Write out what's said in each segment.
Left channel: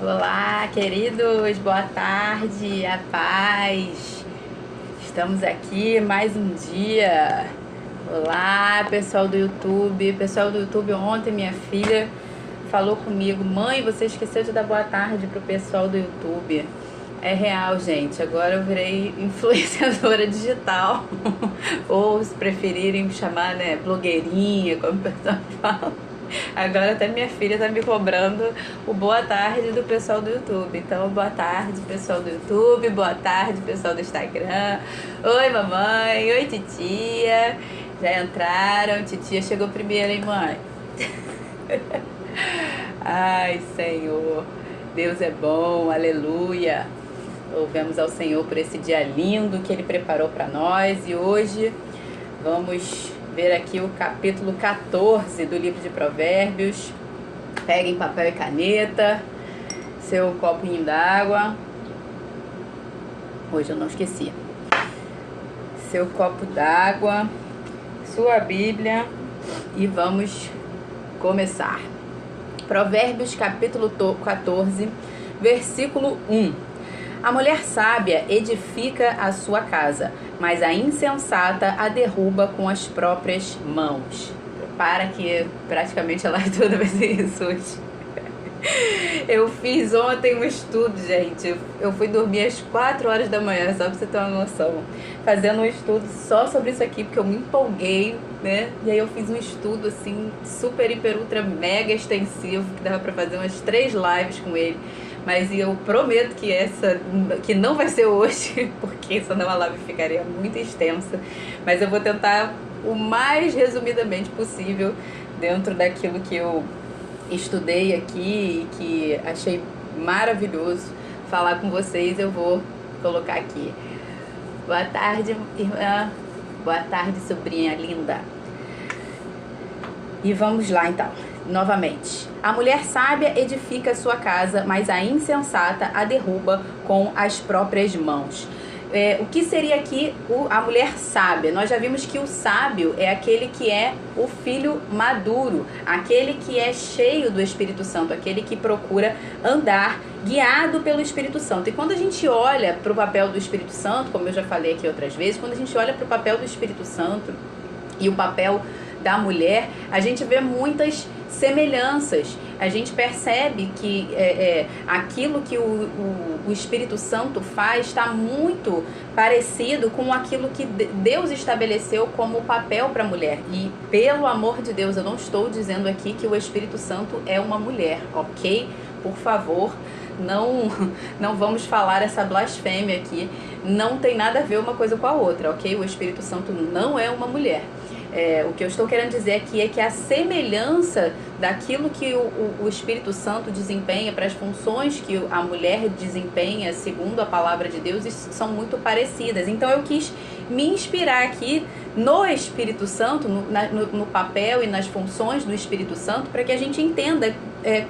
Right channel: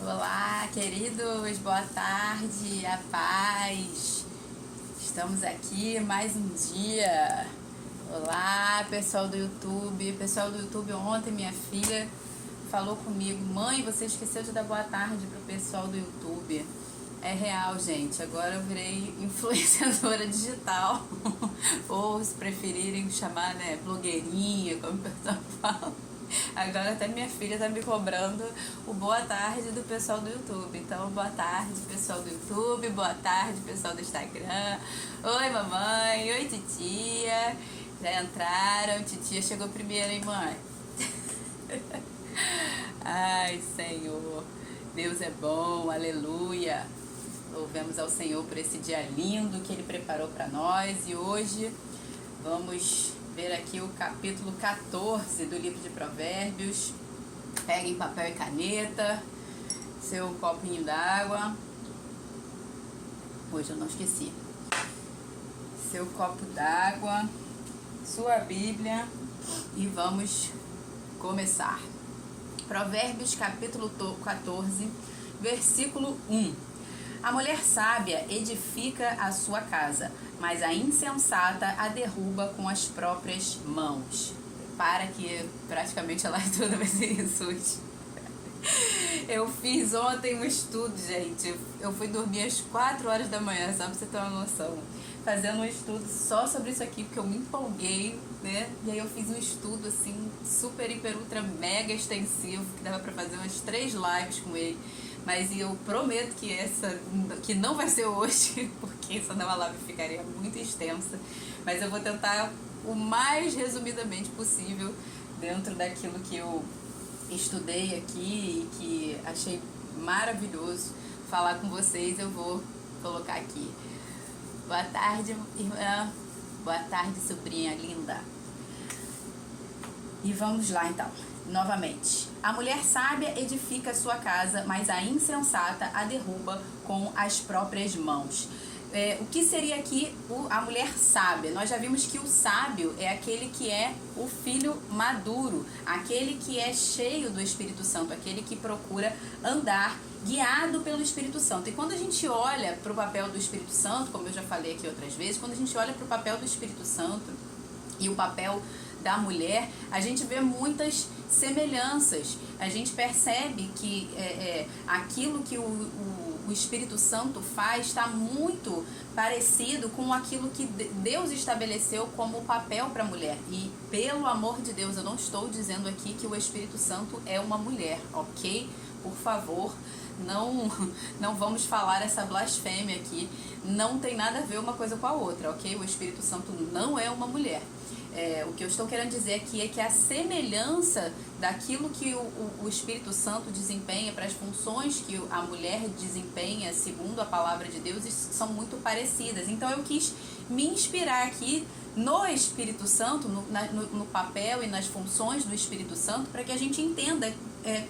Olá, queridos, boa tarde, a paz. Estamos aqui mais um dia. Olá, pessoal do YouTube. Pessoal do YouTube, ontem minha filha falou comigo: mãe, você esqueceu de dar boa tarde pro pessoal do YouTube. É real, gente. Agora eu virei influenciadora digital. Ou, se preferirem chamar, né, blogueirinha, como o pessoal fala. Agora até minha filha tá me cobrando o boa tarde do pessoal do YouTube. Então, boa tarde, pessoal do YouTube. Boa tarde, pessoal do Instagram. Oi, mamãe. Oi, titia. Já entraram. Titia chegou primeiro, hein, mãe? Ai, Senhor. Deus é bom. Aleluia. Louvemos ao Senhor por esse dia lindo que Ele preparou para nós. E hoje vamos ver aqui o capítulo 14 do livro de Provérbios. Peguem papel e caneta, seu copinho d'água. Hoje eu não esqueci. Seu copo d'água, sua Bíblia e vamos começar. Provérbios capítulo 14, versículo 1. A mulher sábia edifica a sua casa, mas a insensata a derruba com as próprias mãos. Para que praticamente a live toda vai ser isso hoje. Eu fiz ontem um estudo, gente. Eu fui dormir às 4 horas da manhã, só pra você ter uma noção. Fazendo um estudo só sobre isso aqui, porque eu me empolguei, né? E aí eu fiz um estudo, assim, super, hiper, ultra, mega extensivo, que dava pra fazer umas 3 lives com ele. Mas eu prometo que não vai ser hoje, porque senão a live ficaria muito extensa. Mas eu vou tentar o mais resumidamente possível, dentro daquilo que eu estudei aqui e que achei maravilhoso falar com vocês. Eu vou colocar aqui. Boa tarde, irmã. Boa tarde, sobrinha linda. E vamos lá, então. Novamente. A mulher sábia edifica sua casa, mas a insensata a derruba com as próprias mãos. O que seria aqui a mulher sábia? Nós já vimos que o sábio é aquele que é o filho maduro, aquele que é cheio do Espírito Santo, aquele que procura andar guiado pelo Espírito Santo. E quando a gente olha para o papel do Espírito Santo, como eu já falei aqui outras vezes, quando a gente olha para o papel do Espírito Santo e o papel da mulher, a gente vê muitas semelhanças. A gente percebe que aquilo que o Espírito Santo faz está muito parecido com aquilo que Deus estabeleceu como papel para a mulher. E, pelo amor de Deus, eu não estou dizendo aqui que o Espírito Santo é uma mulher, ok? Por favor, não vamos falar essa blasfêmia aqui. Não tem nada a ver uma coisa com a outra, ok? O Espírito Santo não é uma mulher. O que eu estou querendo dizer aqui é que a semelhança daquilo que o Espírito Santo desempenha para as funções que a mulher desempenha segundo a palavra de Deus são muito parecidas. Então eu quis me inspirar aqui no Espírito Santo, no papel e nas funções do Espírito Santo, para que a gente entenda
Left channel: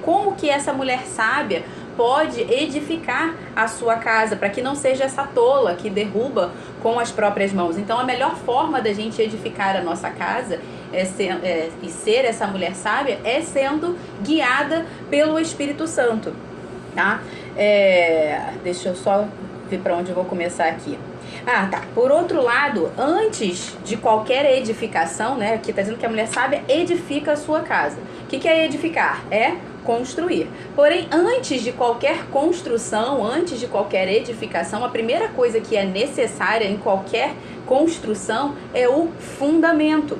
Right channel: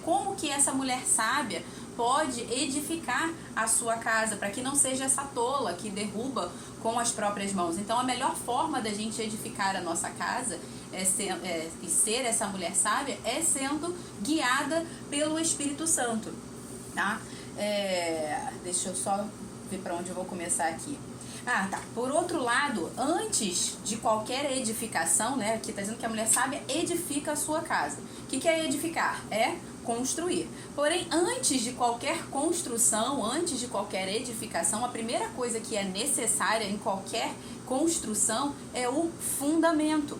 como que essa mulher sábia pode edificar a sua casa, para que não seja essa tola que derruba com as próprias mãos. Então a melhor forma da gente edificar a nossa casa e ser essa mulher sábia é sendo guiada pelo Espírito Santo, tá? Deixa eu só ver para onde eu vou começar aqui. Tá. Por outro lado, antes de qualquer edificação, né? Aqui está dizendo que a mulher sábia edifica a sua casa. O que é edificar? É construir. Porém, antes de qualquer construção, antes de qualquer edificação, a primeira coisa que é necessária em qualquer construção é o fundamento.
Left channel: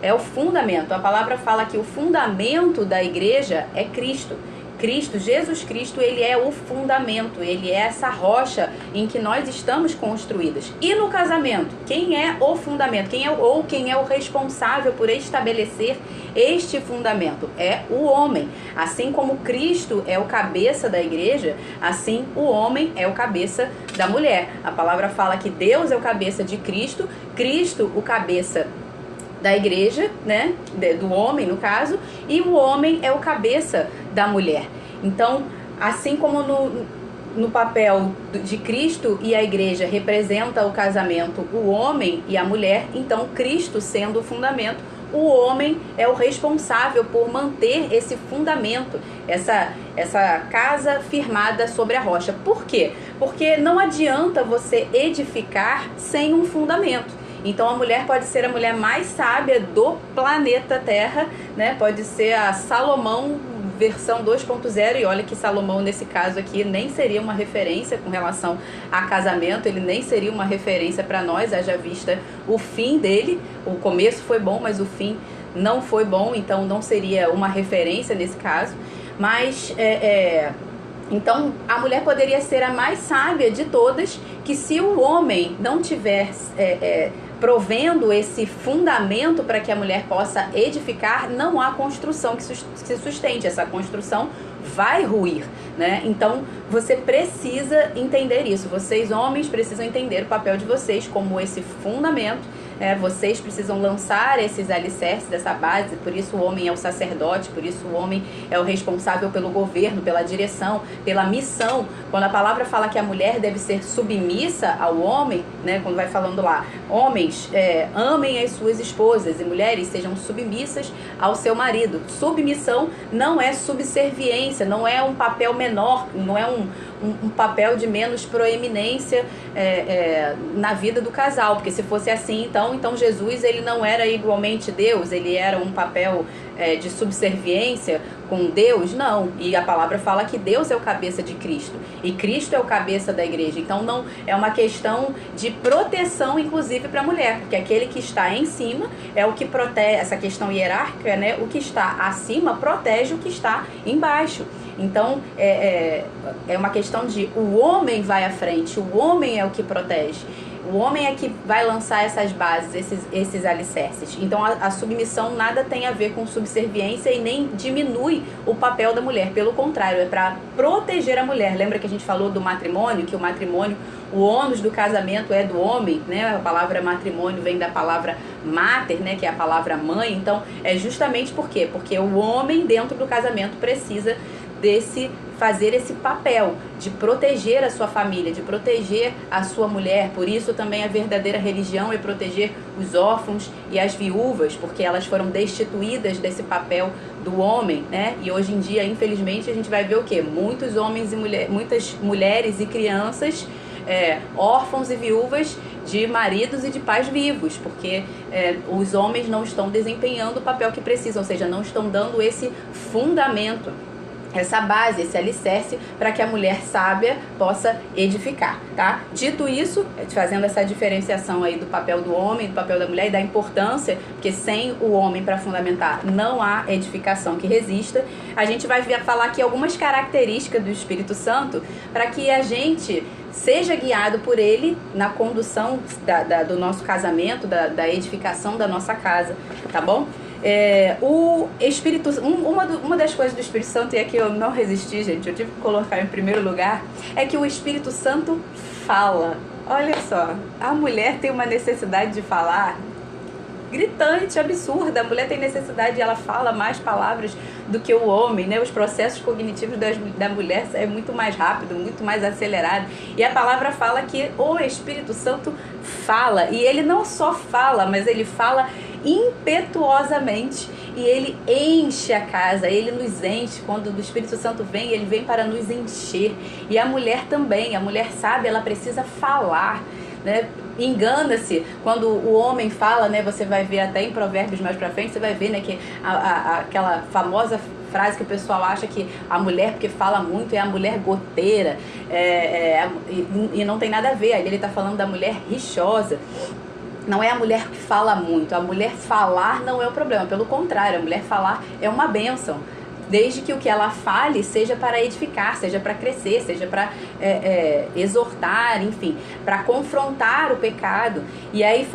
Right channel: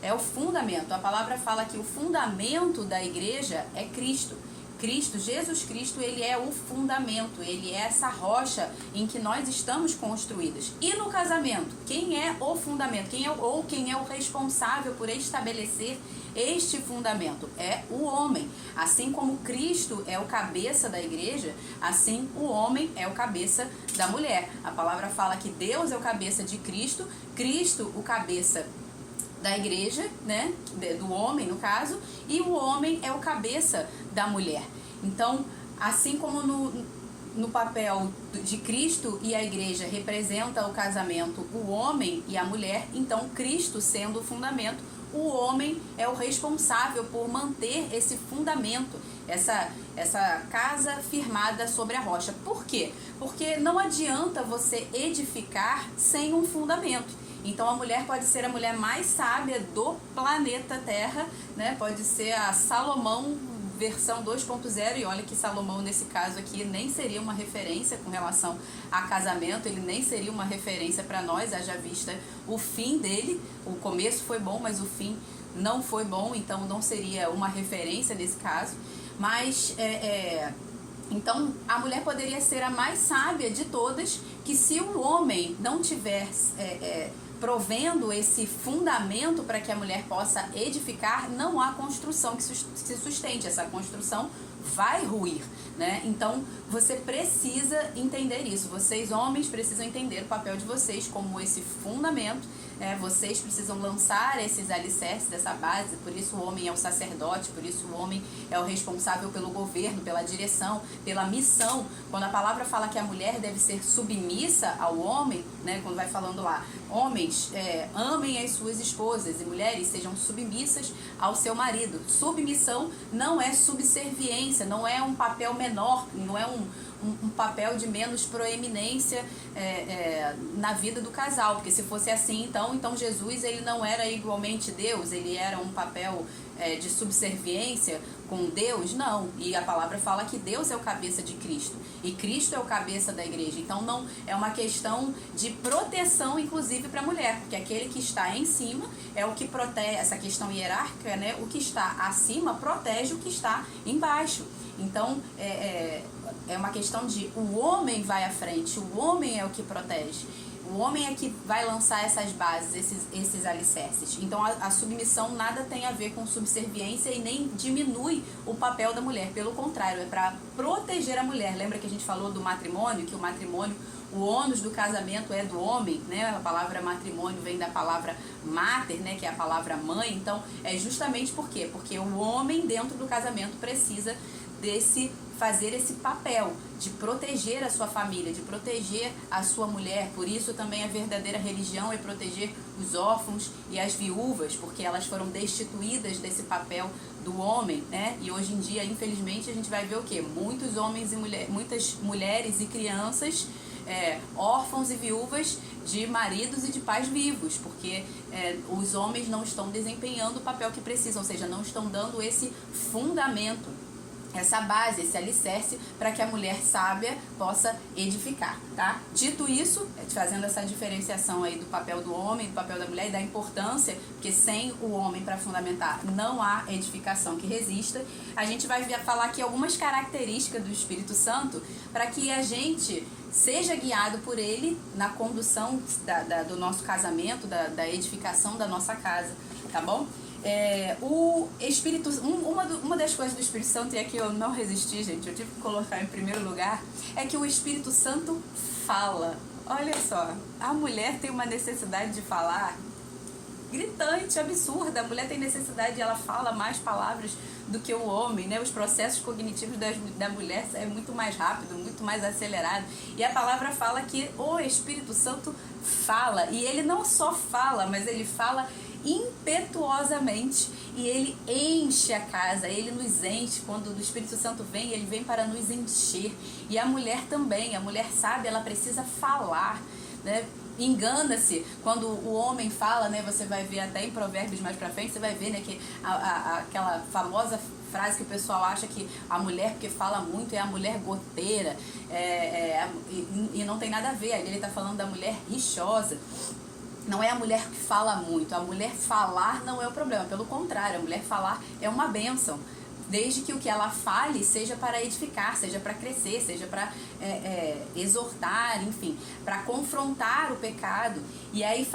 É o fundamento. A palavra fala que o fundamento da igreja é Cristo. Jesus Cristo, ele é o fundamento, ele é essa rocha em que nós estamos construídas. E no casamento, quem é o fundamento? Quem é o responsável por estabelecer este fundamento? É o homem. Assim como Cristo é o cabeça da igreja, assim o homem é o cabeça da mulher. A palavra fala que Deus é o cabeça de Cristo, Cristo o cabeça da igreja, né, do homem no caso, e o homem é o cabeça da mulher. Então, assim como no papel de Cristo e a igreja representa o casamento, o homem e a mulher, então Cristo sendo o fundamento, o homem é o responsável por manter esse fundamento, essa casa firmada sobre a rocha. Por quê? Porque não adianta você edificar sem um fundamento. Então a mulher pode ser a mulher mais sábia do planeta Terra, né? Pode ser a Salomão versão 2.0, e olha que Salomão nesse caso aqui nem seria uma referência com relação a casamento, ele nem seria uma referência para nós, haja vista o fim dele. O começo foi bom, mas o fim não foi bom, então não seria uma referência nesse caso. Mas então a mulher poderia ser a mais sábia de todas, que se o homem não tiver provendo esse fundamento para que a mulher possa edificar, não há construção que se sustente, essa construção vai ruir, né? Então você precisa entender isso, vocês homens precisam entender o papel de vocês como esse fundamento. Vocês precisam lançar esses alicerces, essa base, por isso o homem é o sacerdote, por isso o homem é o responsável pelo governo, pela direção, pela missão. Quando a palavra fala que a mulher deve ser submissa ao homem, né, quando vai falando lá, homens, amem as suas esposas, e mulheres sejam submissas ao seu marido. Submissão não é subserviência, não é um papel menor, não é um papel de menos proeminência na vida do casal, porque se fosse assim, então Jesus ele não era igualmente Deus, ele era um papel de subserviência com Deus, não. E a palavra fala que Deus é o cabeça de Cristo e Cristo é o cabeça da igreja. Então não é uma questão de proteção, inclusive para a mulher, porque aquele que está em cima é o que protege, essa questão hierárquica, né? O que está acima protege o que está embaixo. Então é uma questão de o homem vai à frente, o homem é o que protege. O homem é que vai lançar essas bases, esses alicerces. Então a submissão nada tem a ver com subserviência e nem diminui o papel da mulher. Pelo contrário, é para proteger a mulher. Lembra que a gente falou do matrimônio? Que o matrimônio, o ônus do casamento é do homem, né? A palavra matrimônio vem da palavra mater, né? Que é a palavra mãe. Então é justamente por quê? Porque o homem dentro do casamento precisa fazer esse papel de proteger a sua família, de proteger a sua mulher. Por isso também a verdadeira religião é proteger os órfãos e as viúvas, porque elas foram destituídas desse papel do homem, né? E hoje em dia, infelizmente, a gente vai ver o quê? Muitos homens e muitas mulheres e crianças órfãos e viúvas de maridos e de pais vivos, porque os homens não estão desempenhando o papel que precisam, ou seja, não estão dando esse fundamento, essa base, esse alicerce para que a mulher sábia possa edificar, tá? Dito isso, fazendo essa diferenciação aí do papel do homem, do papel da mulher e da importância, porque sem o homem para fundamentar não há edificação que resista, a gente vai falar aqui algumas características do Espírito Santo para que a gente seja guiado por ele na condução do nosso casamento, da edificação da nossa casa, tá bom? O Espírito, uma das coisas do Espírito Santo, e aqui eu não resisti, gente, eu tive que colocar em primeiro lugar, é que o Espírito Santo fala. Olha só, a mulher tem uma necessidade de falar gritante, absurda. A mulher tem necessidade, ela fala mais palavras do que o homem, né? Os processos cognitivos da mulher é muito mais rápido, muito mais acelerado. E a palavra fala que o Espírito Santo fala. E ele não só fala, mas ele fala impetuosamente. E ele enche a casa, ele nos enche. Quando o Espírito Santo vem, ele vem para nos encher. E a mulher também, a mulher sabe, ela precisa falar, né? Engana-se quando o homem fala, né? Você vai ver até em Provérbios mais pra frente, você vai ver, né, que aquela famosa frase que o pessoal acha que a mulher, porque fala muito, é a mulher goteira, e não tem nada a ver. Aí ele tá falando da mulher rixosa. Não é a mulher que fala muito, a mulher falar não é o problema, pelo contrário, a mulher falar é uma bênção. Desde que o que ela fale seja para edificar, seja para crescer, seja para exortar, enfim, para confrontar o pecado. E aí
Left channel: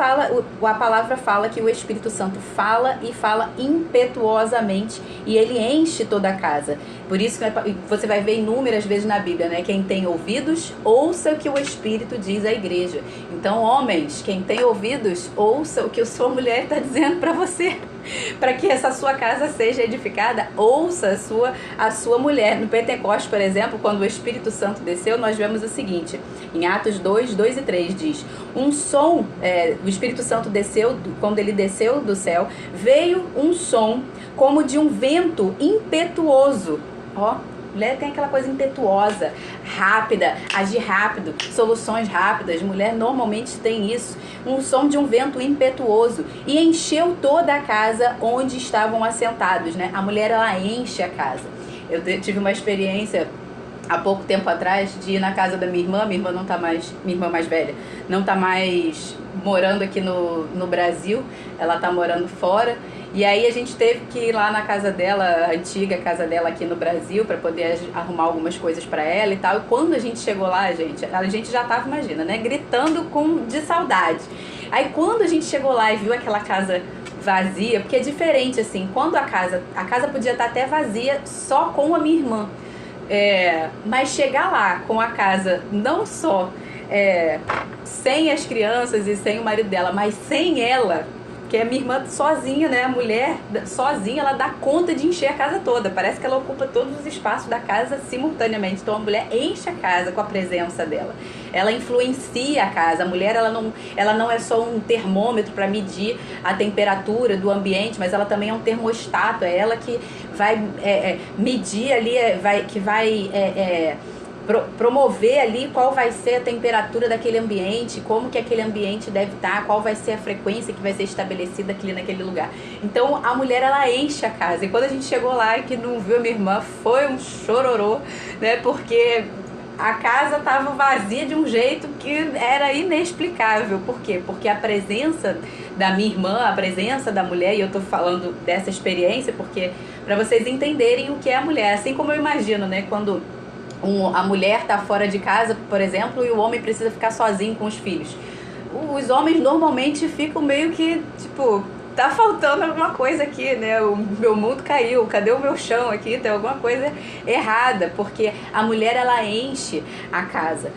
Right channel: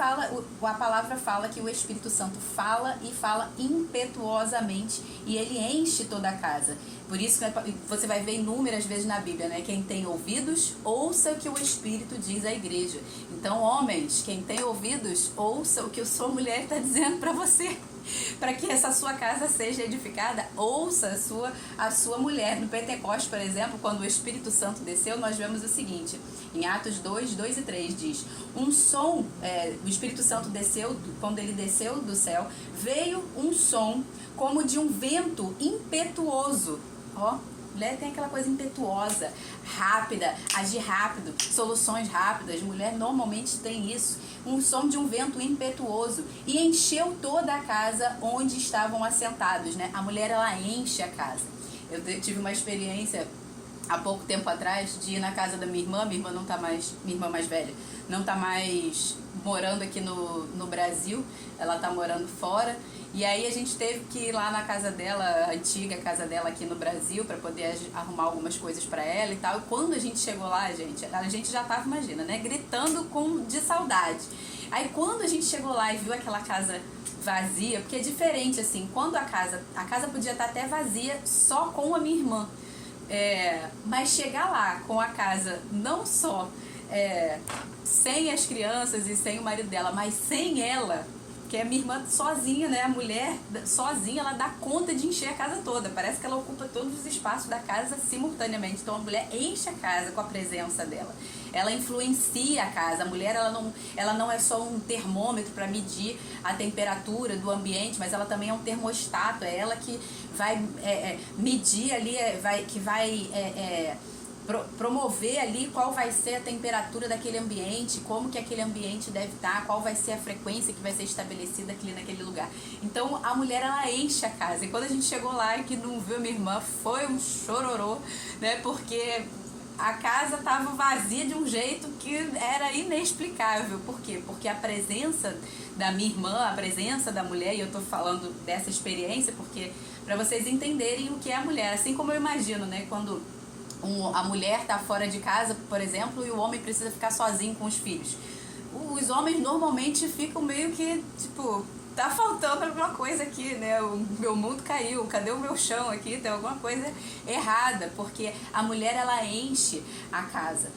a palavra fala que o Espírito Santo fala e fala impetuosamente e ele enche toda a casa. Por isso que você vai ver inúmeras vezes na Bíblia, né? Quem tem ouvidos, ouça o que o Espírito diz à igreja. Então, homens, quem tem ouvidos, ouça o que a sua mulher está dizendo para você. para que essa sua casa seja edificada, ouça a sua mulher. No Pentecostes, por exemplo, quando o Espírito Santo desceu, nós vemos o seguinte, em Atos 2, 2 e 3 diz, um som, o Espírito Santo desceu, quando ele desceu do céu, veio um som como de um vento impetuoso, ó. Mulher tem aquela coisa impetuosa, rápida, agir rápido, soluções rápidas. Mulher normalmente tem isso. Um som de um vento impetuoso. E encheu toda a casa onde estavam assentados, né? A mulher, ela enche a casa. Eu tive uma experiência há pouco tempo atrás de ir na casa da minha irmã não tá mais, minha irmã mais velha, não tá mais morando aqui no Brasil, ela tá morando fora. E aí a gente teve que ir lá na casa dela, a antiga casa dela aqui no Brasil, para poder arrumar algumas coisas para ela e tal. E quando a gente chegou lá, a gente já tava, imagina, né, gritando de saudade. Aí quando a gente chegou lá e viu aquela casa vazia, porque é diferente assim, quando a casa podia estar até vazia só com a minha irmã. Mas chegar lá com a casa não só sem as crianças e sem o marido dela, mas sem ela, que é minha irmã sozinha, né? A mulher sozinha, ela dá conta de encher a casa toda. Parece que ela ocupa todos os espaços da casa simultaneamente. Então a mulher enche a casa com a presença dela. Ela influencia a casa. A mulher, ela não é só um termômetro para medir a temperatura do ambiente, mas ela também é um termostato. É ela que vai medir ali, que vai promover ali qual vai ser a temperatura daquele ambiente, como que aquele ambiente deve estar, qual vai ser a frequência que vai ser estabelecida naquele lugar. Então a mulher, ela enche a casa. E quando a gente chegou lá e que não viu a minha irmã, foi um chororô, né? Porque a casa estava vazia de um jeito que era inexplicável. Por quê? Porque a presença da minha irmã, a presença da mulher, e eu tô falando dessa experiência porque para vocês entenderem o que é a mulher. Assim como eu imagino, né? Quando a mulher tá fora de casa, por exemplo, e o homem precisa ficar sozinho com os filhos. Os homens normalmente ficam meio que, tipo, tá faltando alguma coisa aqui, né? O meu mundo caiu, cadê o meu chão aqui? Tem alguma coisa errada, porque a mulher, ela enche a casa.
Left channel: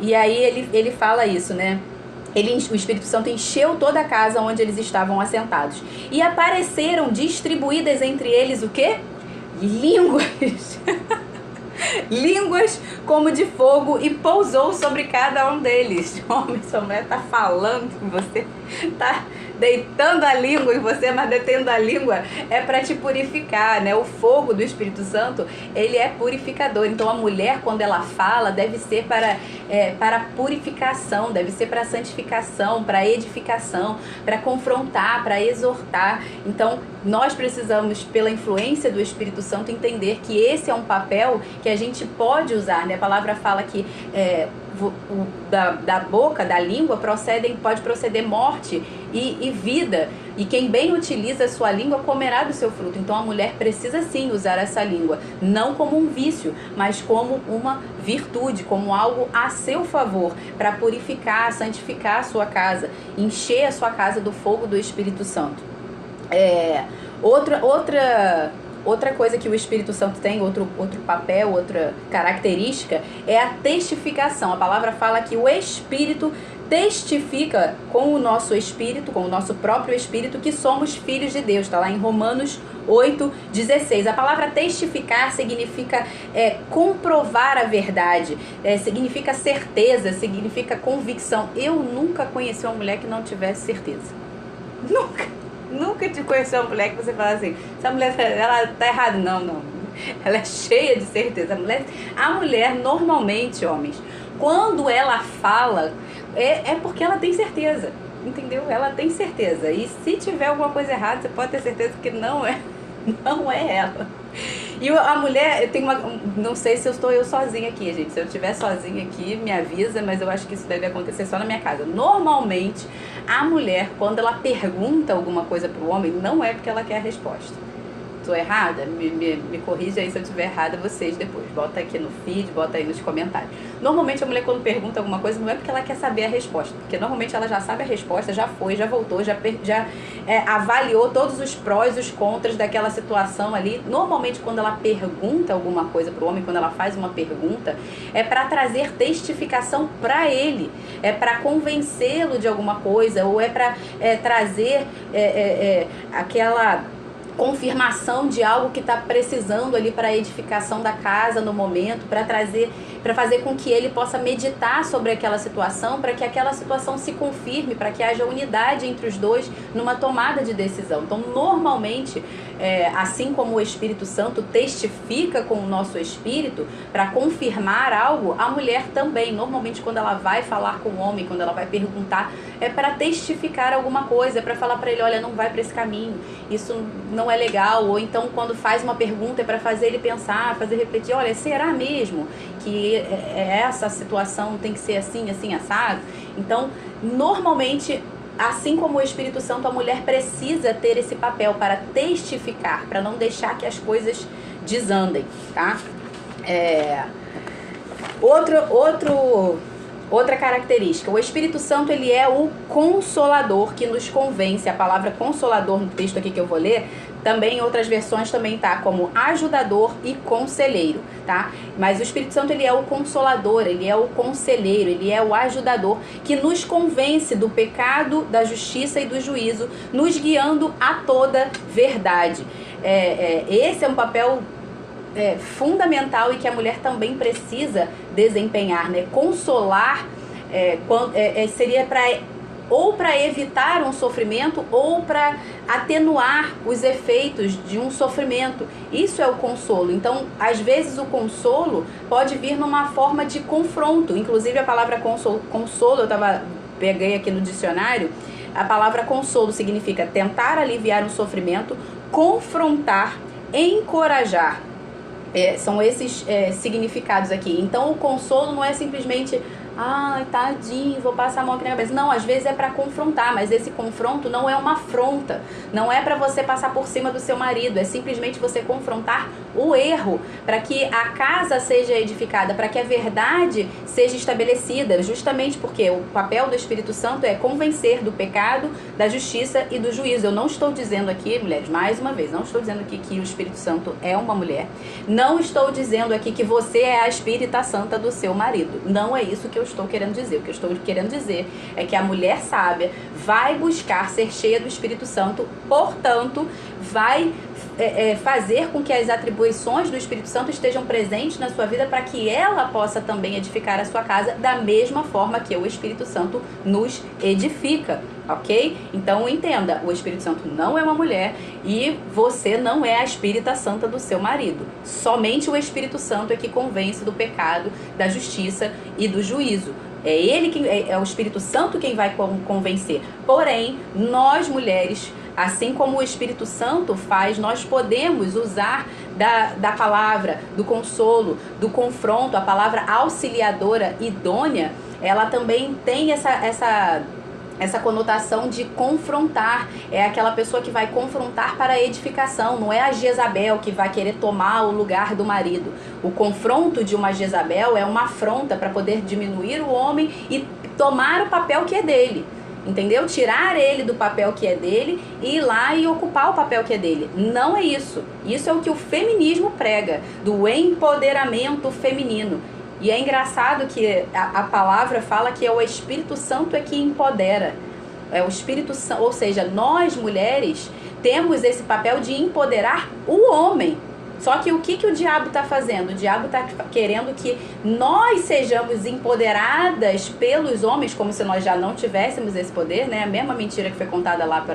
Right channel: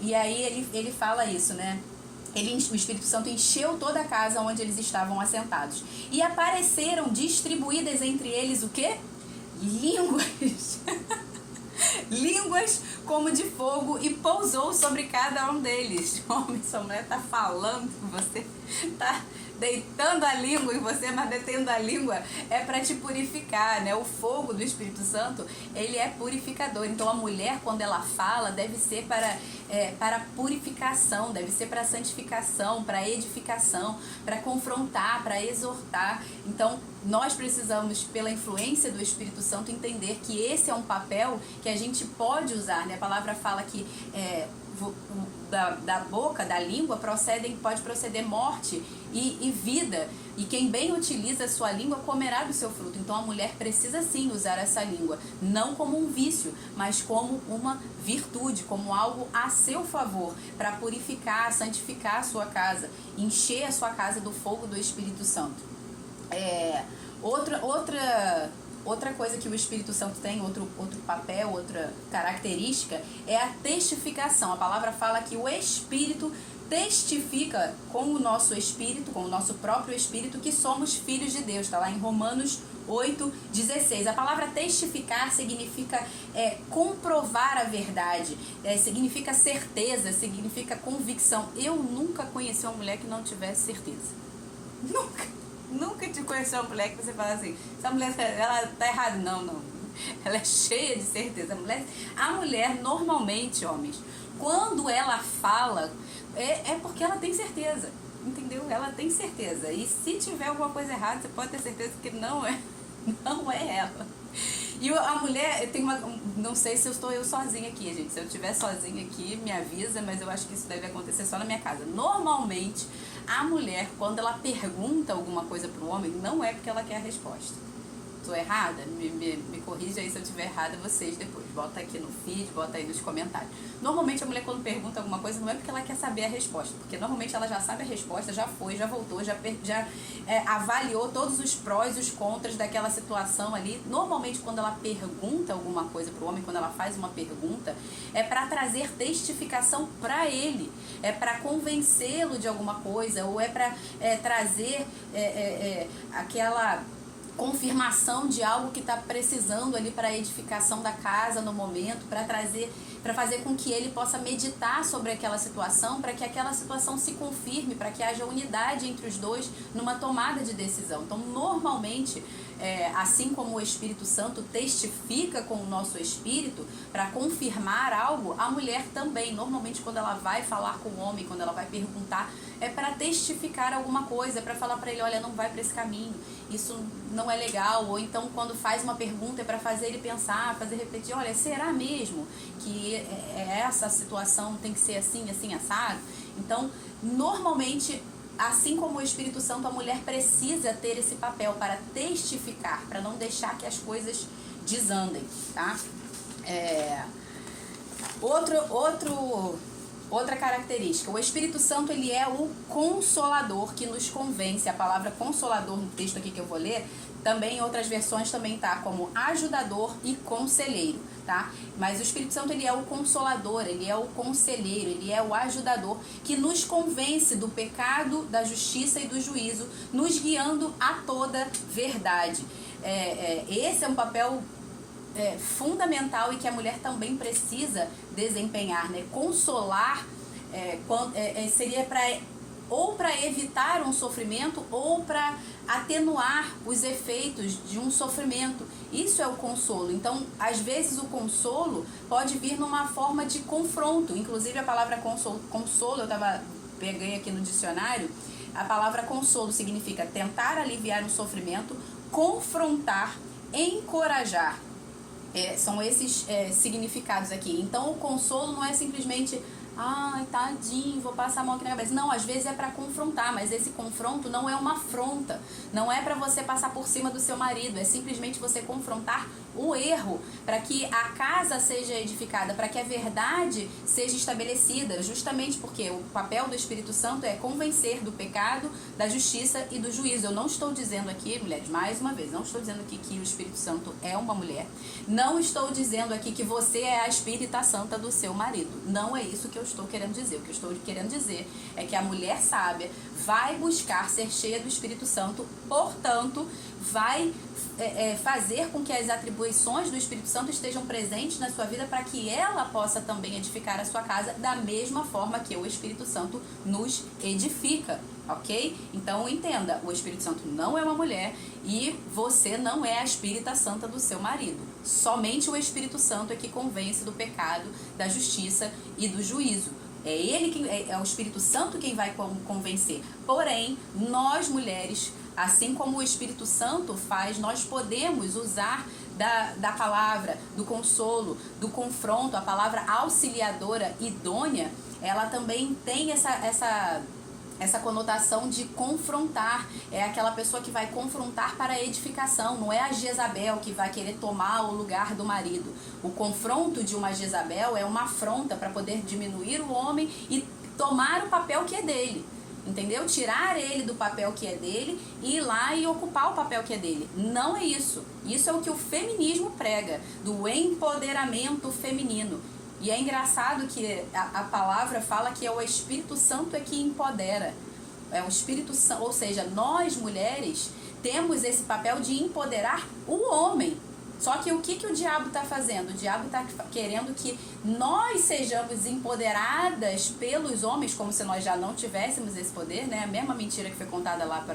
E aí ele fala isso, né? O Espírito Santo encheu toda a casa onde eles estavam assentados. E apareceram distribuídas entre eles o quê? Línguas. Línguas como de fogo, e pousou sobre cada um deles. Homem, sua mulher tá falando, você tá deitando a língua em você, mas detendo a língua é para te purificar, né? O fogo do Espírito Santo, ele é purificador. Então a mulher, quando ela fala, deve ser para purificação, deve ser para santificação, para edificação, para confrontar, para exortar. Então nós precisamos, pela influência do Espírito Santo, entender que esse é um papel que a gente pode usar, né? A palavra fala que da boca, da língua, pode proceder morte e vida. E quem bem utiliza a sua língua comerá do seu fruto. Então a mulher precisa sim usar essa língua, não como um vício, mas como uma virtude, como algo a seu favor, para purificar, santificar a sua casa, encher a sua casa do fogo do Espírito Santo. Outra coisa que o Espírito Santo tem, outro papel, outra característica, é a testificação. A palavra fala que o Espírito testifica com o nosso espírito, com o nosso próprio espírito, que somos filhos de Deus. Está lá em Romanos 8:16. A palavra testificar significa comprovar a verdade, significa certeza, significa convicção. Eu nunca conheci uma mulher que não tivesse certeza. Nunca te conheci uma mulher que você fala assim, essa mulher, ela tá errada. Não. Ela é cheia de certeza. A mulher, normalmente, homens, quando ela fala, é porque ela tem certeza. Entendeu? Ela tem certeza. E se tiver alguma coisa errada, você pode ter certeza que não é ela. E a mulher, não sei se estou eu sozinha aqui, gente. Se eu estiver sozinha aqui, me avisa, mas eu acho que isso deve acontecer só na minha casa. Normalmente, a mulher, quando ela pergunta alguma coisa pro homem, não é porque ela quer a resposta. Tô errada? Me corrija aí se eu estiver errada, vocês depois. Bota aqui no feed, bota aí nos comentários. Normalmente a mulher quando pergunta alguma coisa não é porque ela quer saber a resposta, porque normalmente ela já sabe a resposta, já foi, já voltou, já avaliou todos os prós e os contras daquela situação ali. Normalmente quando ela pergunta alguma coisa pro homem, quando ela faz uma pergunta, é para trazer testificação para ele, é para convencê-lo de alguma coisa, ou é para trazer aquela confirmação de algo que está precisando ali para a edificação da casa no momento, para fazer com que ele possa meditar sobre aquela situação, para que aquela situação se confirme, para que haja unidade entre os dois numa tomada de decisão. Então, normalmente, assim como o Espírito Santo testifica com o nosso espírito para confirmar algo, a mulher também, normalmente quando ela vai falar com o homem, quando ela vai perguntar, é para testificar alguma coisa, é para falar para ele, olha, não vai para esse caminho, isso não é legal, ou então quando faz uma pergunta é para fazer ele pensar, fazer refletir, olha, será mesmo que essa situação tem que ser assim, assim, assado? Então, normalmente, assim como o Espírito Santo, a mulher precisa ter esse papel para testificar, para não deixar que as coisas desandem, tá? Outra característica, o Espírito Santo, ele é o consolador que nos convence. A palavra consolador no texto aqui que eu vou ler, também em outras versões também tá como ajudador e conselheiro, tá? Mas o Espírito Santo, ele é o consolador, ele é o conselheiro, ele é o ajudador que nos convence do pecado, da justiça e do juízo, nos guiando a toda verdade. Esse é um papel fundamental e que a mulher também precisa desempenhar, né? Consolar seria para evitar um sofrimento ou para atenuar os efeitos de um sofrimento. Isso é o consolo. Então, às vezes o consolo pode vir numa forma de confronto. Inclusive a palavra consolo peguei aqui no dicionário, a palavra consolo significa tentar aliviar um sofrimento, confrontar, encorajar. São esses significados aqui. Então o consolo não é simplesmente ai, tadinho, vou passar a mão aqui na cabeça. Não, às vezes é para confrontar, mas esse confronto não é uma afronta, não é para você passar por cima do seu marido, é simplesmente você confrontar o erro, para que a casa seja edificada, para que a verdade seja estabelecida, justamente porque o papel do Espírito Santo é convencer do pecado, da justiça e do juízo. Eu não estou dizendo aqui, mulheres, mais uma vez, não estou dizendo aqui que o Espírito Santo é uma mulher, não estou dizendo aqui que você é a Espírita Santa do seu marido, não é isso que eu estou querendo dizer. O que eu estou querendo dizer é que a mulher sábia vai buscar ser cheia do Espírito Santo, portanto, vai fazer com que as atribuições do Espírito Santo estejam presentes na sua vida para que ela possa também edificar a sua casa da mesma forma que o Espírito Santo nos edifica, ok? Então entenda, o Espírito Santo não é uma mulher e você não é a Espírita Santa do seu marido. Somente o Espírito Santo é que convence do pecado, da justiça e do juízo. É ele que é o Espírito Santo quem vai convencer. Porém, nós mulheres, assim como o Espírito Santo faz, nós podemos usar da palavra, do consolo, do confronto, a palavra auxiliadora, idônea, ela também tem essa conotação de confrontar. É aquela pessoa que vai confrontar para a edificação, não é a Jezabel que vai querer tomar o lugar do marido. O confronto de uma Jezabel é uma afronta para poder diminuir o homem e tomar o papel que é dele. Entendeu? Tirar ele do papel que é dele e ir lá e ocupar o papel que é dele. Não é isso. Isso é o que o feminismo prega, do empoderamento feminino. E é engraçado que a palavra fala que é o Espírito Santo que empodera. É o Espírito Santo, ou seja, nós mulheres temos esse papel de empoderar o homem. Só que o que o diabo está fazendo? O diabo está querendo que nós sejamos empoderadas pelos homens, como se nós já não tivéssemos esse poder, né? A mesma mentira que foi contada lá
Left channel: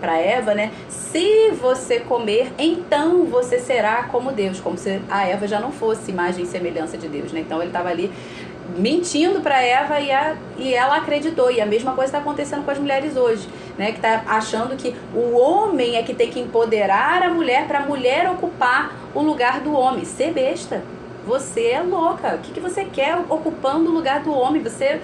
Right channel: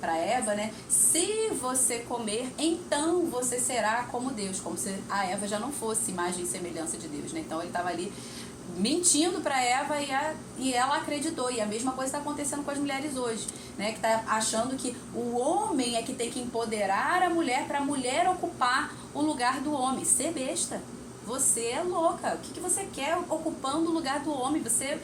para Eva, né? Se você comer, então você será como Deus, como se a Eva já não fosse imagem e semelhança de Deus, né? Então ele estava ali mentindo para Eva e ela acreditou. E a mesma coisa está acontecendo com as mulheres hoje, né? Que está achando que o homem é que tem que empoderar a mulher para a mulher ocupar o lugar do homem. Ser besta. Você é louca. O que você quer ocupando o lugar do homem? Você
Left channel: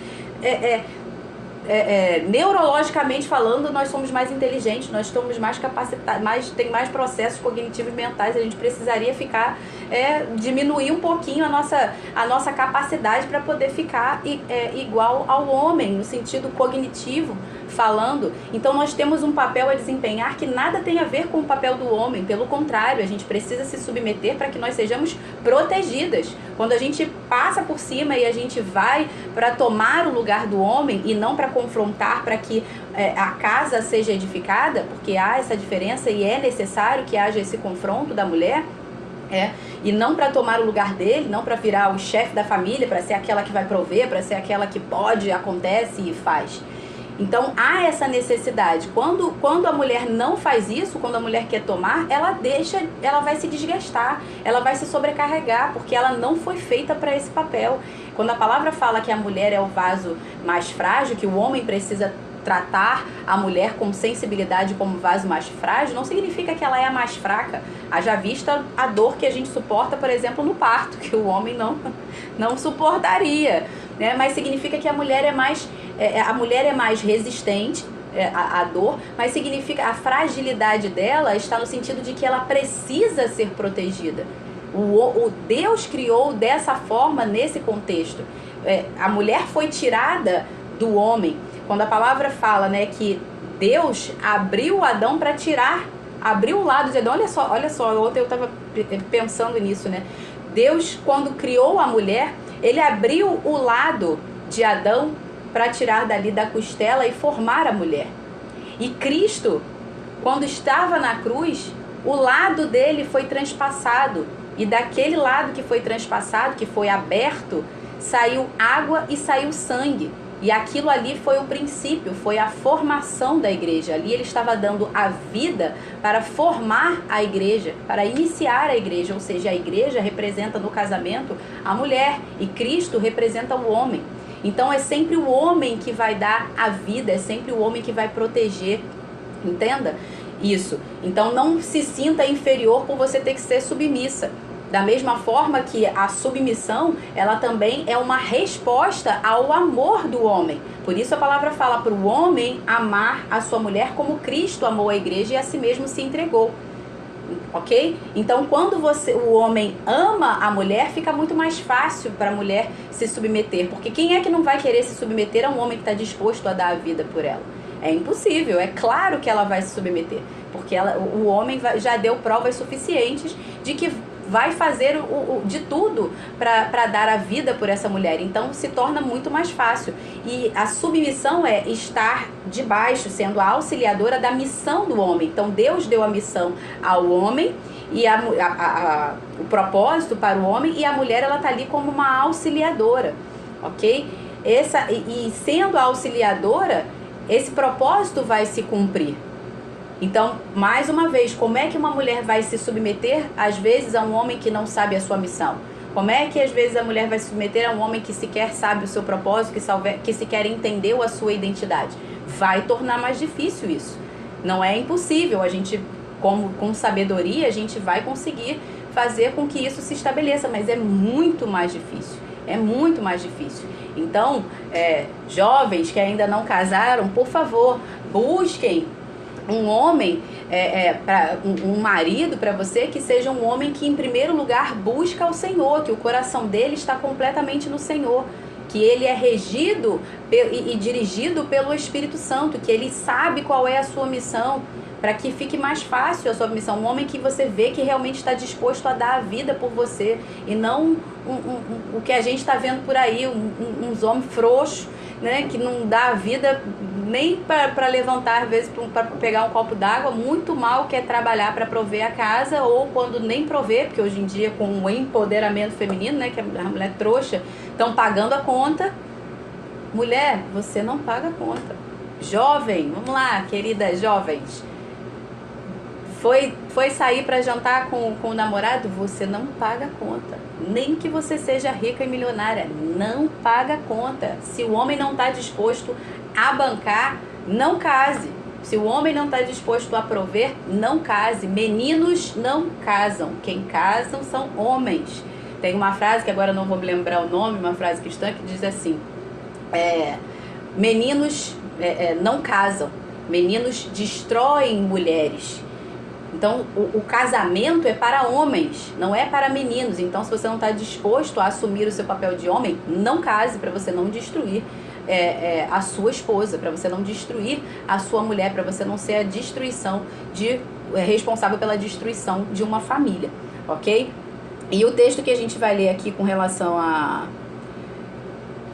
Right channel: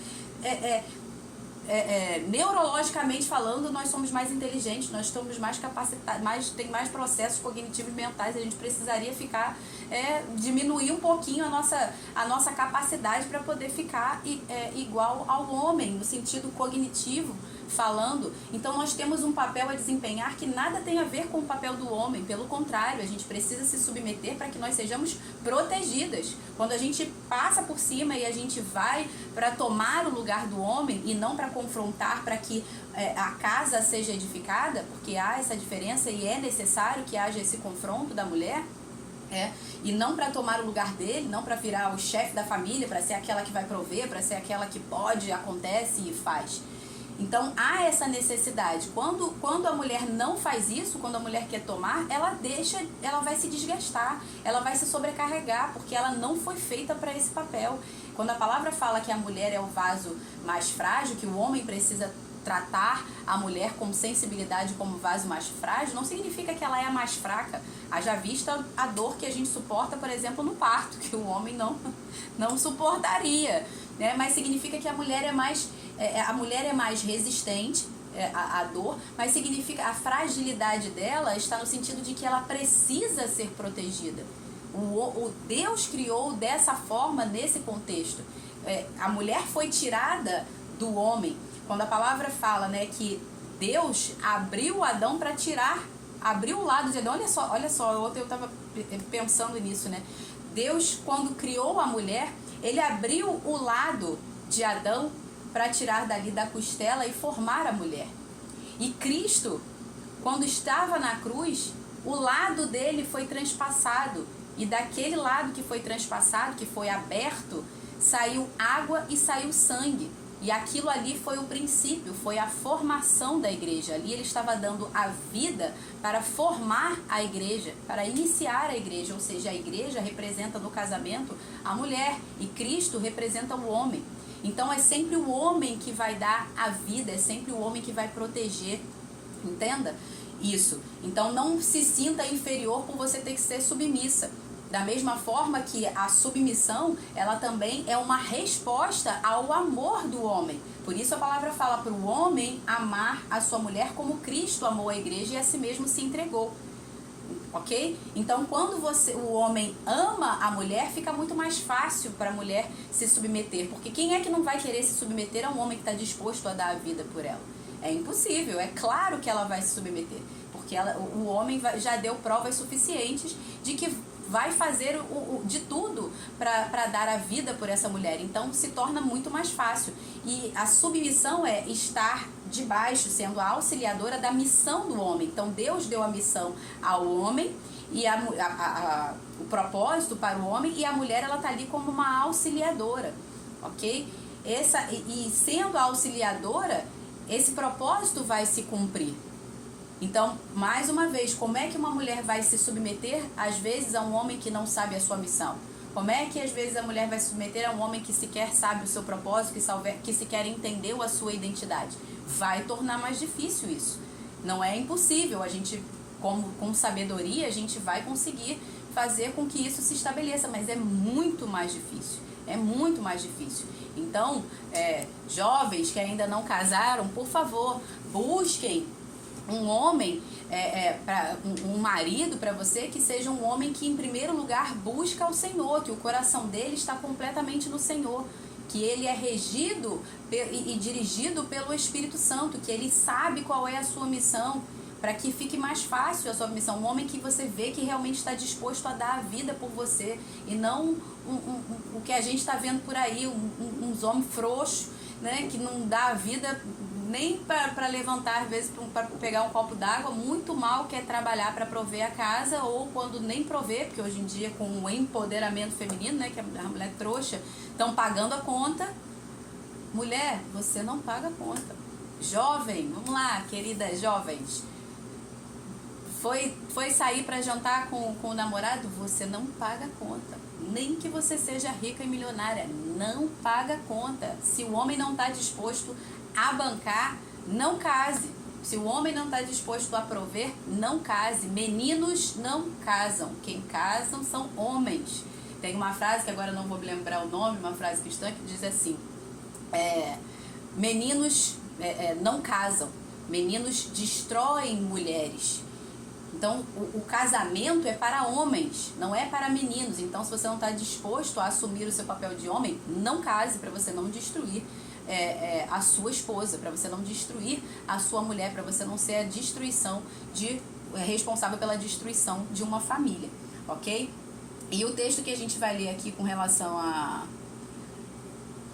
neurologicamente falando, nós somos mais inteligentes, nós estamos mais capacitados, tem mais processos cognitivos mentais, a gente precisaria ficar, diminuir um pouquinho a nossa capacidade para poder ficar igual ao homem, no sentido cognitivo falando. Então nós temos um papel a desempenhar que nada tem a ver com o papel do homem, pelo contrário, a gente precisa se submeter para que nós sejamos protegidas. Quando a gente passa por cima e a gente vai para tomar o lugar do homem e não para confrontar, para que a casa seja edificada, porque há essa diferença e é necessário que haja esse confronto da mulher, e não para tomar o lugar dele, não para virar o chefe da família, para ser aquela que vai prover, para ser aquela que pode, acontece e faz. Então há essa necessidade. Quando a mulher não faz isso, quando a mulher quer tomar, ela vai se desgastar, ela vai se sobrecarregar, porque ela não foi feita para esse papel. Quando a palavra fala que a mulher é o vaso mais frágil, que o homem precisa tratar a mulher com sensibilidade como vaso mais frágil, não significa que ela é a mais fraca. Haja vista a dor que a gente suporta, por exemplo, no parto, que o homem não suportaria, né? Mas significa que a mulher é mais resistente à dor, mas significa a fragilidade dela está no sentido de que ela precisa ser protegida. O Deus criou dessa forma nesse contexto. A mulher foi tirada do homem. Quando a palavra fala, né, que Deus abriu Adão para abriu o lado de Adão. Olha só, ontem eu estava pensando nisso, né? Deus, quando criou a mulher, ele abriu o lado de Adão para tirar dali da costela e formar a mulher. E Cristo, quando estava na cruz, o lado dele foi transpassado. E daquele lado que foi transpassado, que foi aberto, saiu água e saiu sangue. E aquilo ali foi o princípio, foi a formação da igreja. Ali ele estava dando a vida para formar a igreja, para iniciar a igreja. Ou seja, a igreja representa no casamento a mulher e Cristo representa o homem. Então é sempre o homem que vai dar a vida, é sempre o homem que vai proteger. Entenda isso. Então não se sinta inferior por você ter que ser submissa. Da mesma forma que a submissão, ela também é uma resposta ao amor do homem. Por isso a palavra fala para o homem amar a sua mulher como Cristo amou a igreja e a si mesmo se entregou. Ok? Então quando o homem ama a mulher, fica muito mais fácil para a mulher se submeter. Porque quem é que não vai querer se submeter a um homem que está disposto a dar a vida por ela? É impossível, é claro que ela vai se submeter. Porque o homem já deu provas suficientes de que vai fazer de tudo para dar a vida por essa mulher. Então se torna muito mais fácil. E a submissão é estar debaixo, sendo a auxiliadora da missão do homem. Então Deus deu a missão ao homem e o propósito para o homem, e a mulher ela está ali como uma auxiliadora, ok? E sendo a auxiliadora, esse propósito vai se cumprir. Então, mais uma vez, como é que uma mulher vai se submeter, às vezes, a um homem que não sabe a sua missão? Como é que, às vezes, a mulher vai se submeter a um homem que sequer sabe o seu propósito, que sequer entendeu a sua identidade? Vai tornar mais difícil isso. Não é impossível. A gente, com sabedoria, a gente vai conseguir fazer com que isso se estabeleça, mas é muito mais difícil. É muito mais difícil. Então, jovens que ainda não casaram, por favor, busquem um homem, um marido para você que seja um homem que em primeiro lugar busca o Senhor, que o coração dele está completamente no Senhor, que ele é regido e dirigido pelo Espírito Santo, que ele sabe qual é a sua missão, para que fique mais fácil a sua missão. Um homem que você vê que realmente está disposto a dar a vida por você, e não o que a gente está vendo por aí, uns homens frouxos, né, que não dá a vida nem para levantar, às vezes, para pegar um copo d'água, muito mal quer trabalhar para prover a casa, ou quando nem prover, porque hoje em dia com o empoderamento feminino, né, que a mulher trouxa, estão pagando a conta. Mulher, você não paga a conta. Jovem, vamos lá, queridas jovens, foi sair para jantar com o namorado, você não paga a conta. Nem que você seja rica e milionária, não paga a conta. Se o homem não está disposto a bancar, não case. Se o homem não está disposto a prover, não case. Meninos não casam. Quem casam são homens. Tem uma frase que agora eu não vou me lembrar o nome, uma frase cristã que diz assim: Meninos não casam, meninos destroem mulheres. Então, o casamento é para homens, não é para meninos. Então, se você não está disposto a assumir o seu papel de homem, não case, para você não destruir a sua esposa, para você não destruir a sua mulher, para você não ser a destruição responsável pela destruição de uma família, ok? E o texto que a gente vai ler aqui com relação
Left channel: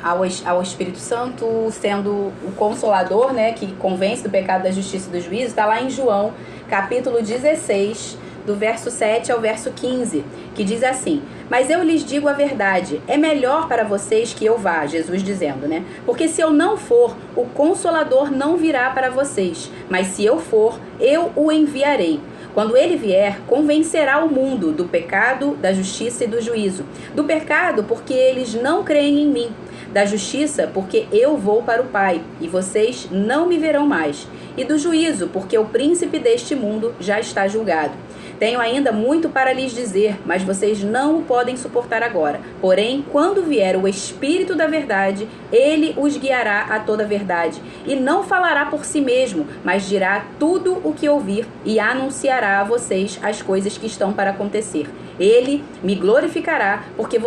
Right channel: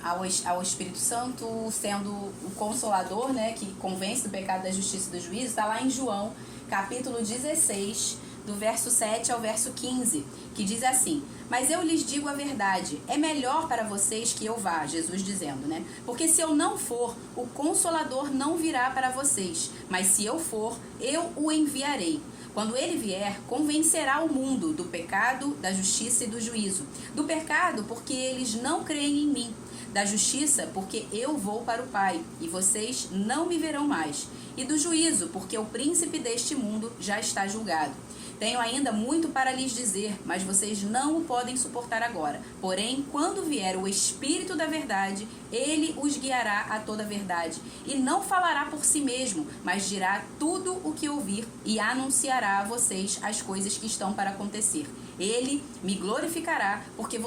ao Espírito Santo sendo o Consolador, né, que convence do pecado, da justiça e do juízo, está lá em João, capítulo 16, do verso 7 ao verso 15, que diz assim: mas eu lhes digo a verdade, é melhor para vocês que eu vá, Jesus dizendo, né? Porque se eu não for, o Consolador não virá para vocês, mas se eu for, eu o enviarei. Quando ele vier, convencerá o mundo do pecado, da justiça e do juízo. Do pecado, porque eles não creem em mim. Da justiça, porque eu vou para o Pai, e vocês não me verão mais. E do juízo, porque o príncipe deste mundo já está julgado. Tenho ainda muito para lhes dizer, mas vocês não o podem suportar agora. Porém, quando vier o Espírito da verdade, ele os guiará a toda a verdade. E não falará por si mesmo, mas dirá tudo o que ouvir e anunciará a vocês as coisas que estão para acontecer. Ele me glorificará, porque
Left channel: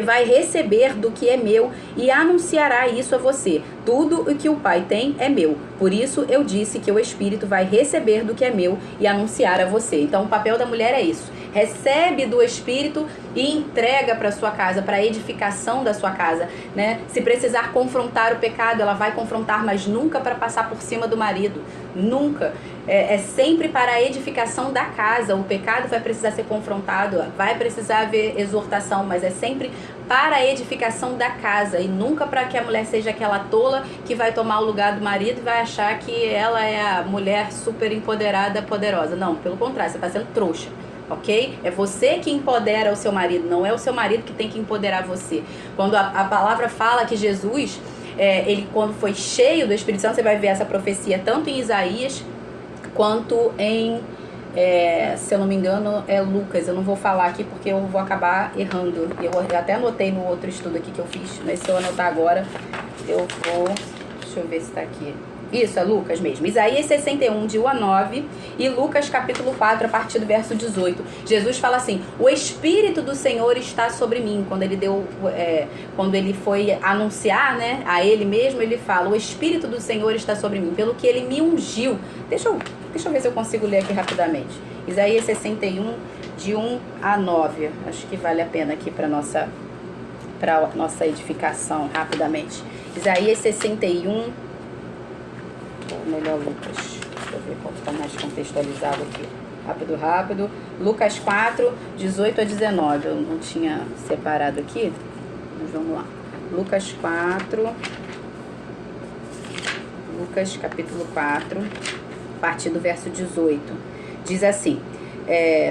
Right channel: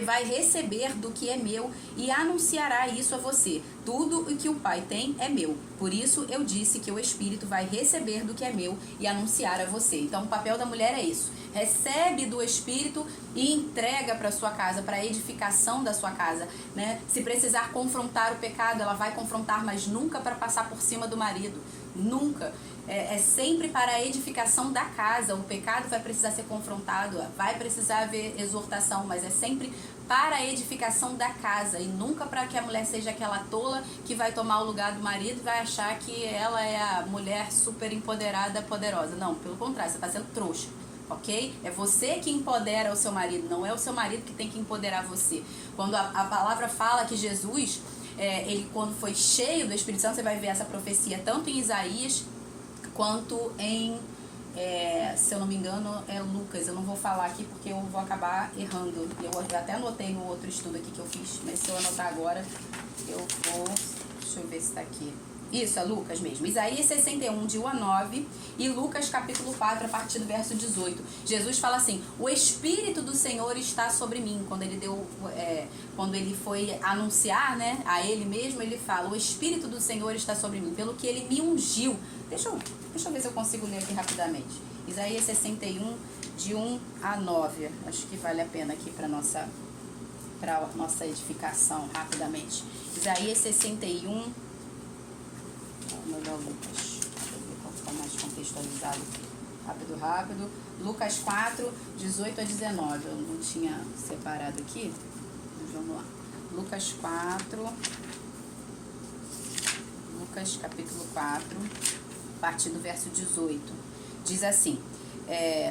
vai receber do que é meu e anunciará isso a você. Tudo o que o Pai tem é meu. Por isso eu disse que o Espírito vai receber do que é meu e anunciar a você. Então o papel da mulher é isso. Recebe do Espírito e entrega para sua casa, para a edificação da sua casa, né? Se precisar confrontar o pecado, ela vai confrontar, mas nunca para passar por cima do marido. Nunca. É sempre para a edificação da casa. O pecado vai precisar ser confrontado, vai precisar haver exortação, mas é sempre para a edificação da casa e nunca para que a mulher seja aquela tola que vai tomar o lugar do marido e vai achar que ela é a mulher super empoderada, poderosa. Não, pelo contrário, você está sendo trouxa. Ok? É você que empodera o seu marido, não é o seu marido que tem que empoderar você. Quando a palavra fala que Jesus, ele quando foi cheio do Espírito Santo, você vai ver essa profecia tanto em Isaías quanto em, se eu não me engano, é Lucas. Eu não vou falar aqui porque eu vou acabar errando. Eu até anotei no outro estudo aqui que eu fiz, mas se eu anotar agora, eu vou... Deixa eu ver se está aqui. Isso, é Lucas mesmo. Isaías 61, de 1 a 9, e Lucas capítulo 4, a partir do verso 18. Jesus fala assim: o Espírito do Senhor está sobre mim. Quando ele foi anunciar, né, a ele mesmo, ele fala: o Espírito do Senhor está sobre mim, pelo que ele me ungiu. Deixa eu ver se eu consigo ler aqui rapidamente. Isaías 61, de 1 a 9. Acho que vale a pena aqui para nossa edificação, rapidamente. Isaías 61... ou melhor, Lucas. Deixa eu ver qual está mais contextualizado aqui. Rápido. Lucas 4, 18 a 19. Eu não tinha separado aqui, mas vamos lá. Lucas capítulo 4, a partir do verso 18. Diz assim...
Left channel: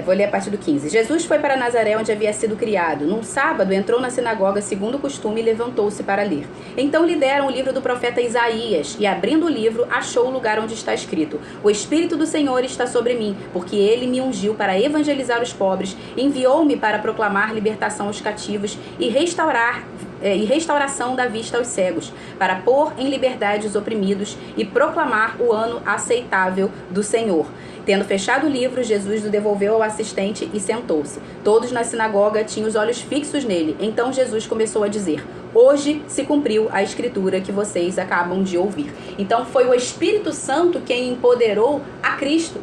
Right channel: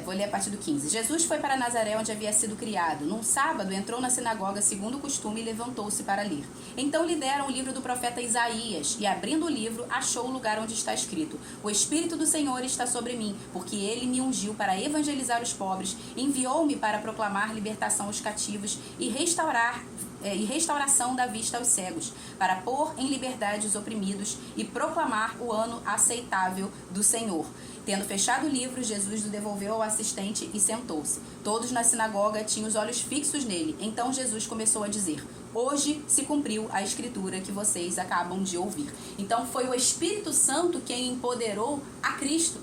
vou ler a partir do 15. Jesus foi para Nazaré, onde havia sido criado. Num sábado, entrou na sinagoga, segundo o costume, e levantou-se para ler. Então lhe deram o livro do profeta Isaías, e abrindo o livro, achou o lugar onde está escrito: o Espírito do Senhor está sobre mim, porque ele me ungiu para evangelizar os pobres, enviou-me para proclamar libertação aos cativos e restauração da vista aos cegos, para pôr em liberdade os oprimidos e proclamar o ano aceitável do Senhor. Tendo fechado o livro, Jesus o devolveu ao assistente e sentou-se. Todos na sinagoga tinham os olhos fixos nele. Então Jesus começou a dizer: hoje se cumpriu a escritura que vocês acabam de ouvir. Então foi o Espírito Santo quem empoderou a Cristo.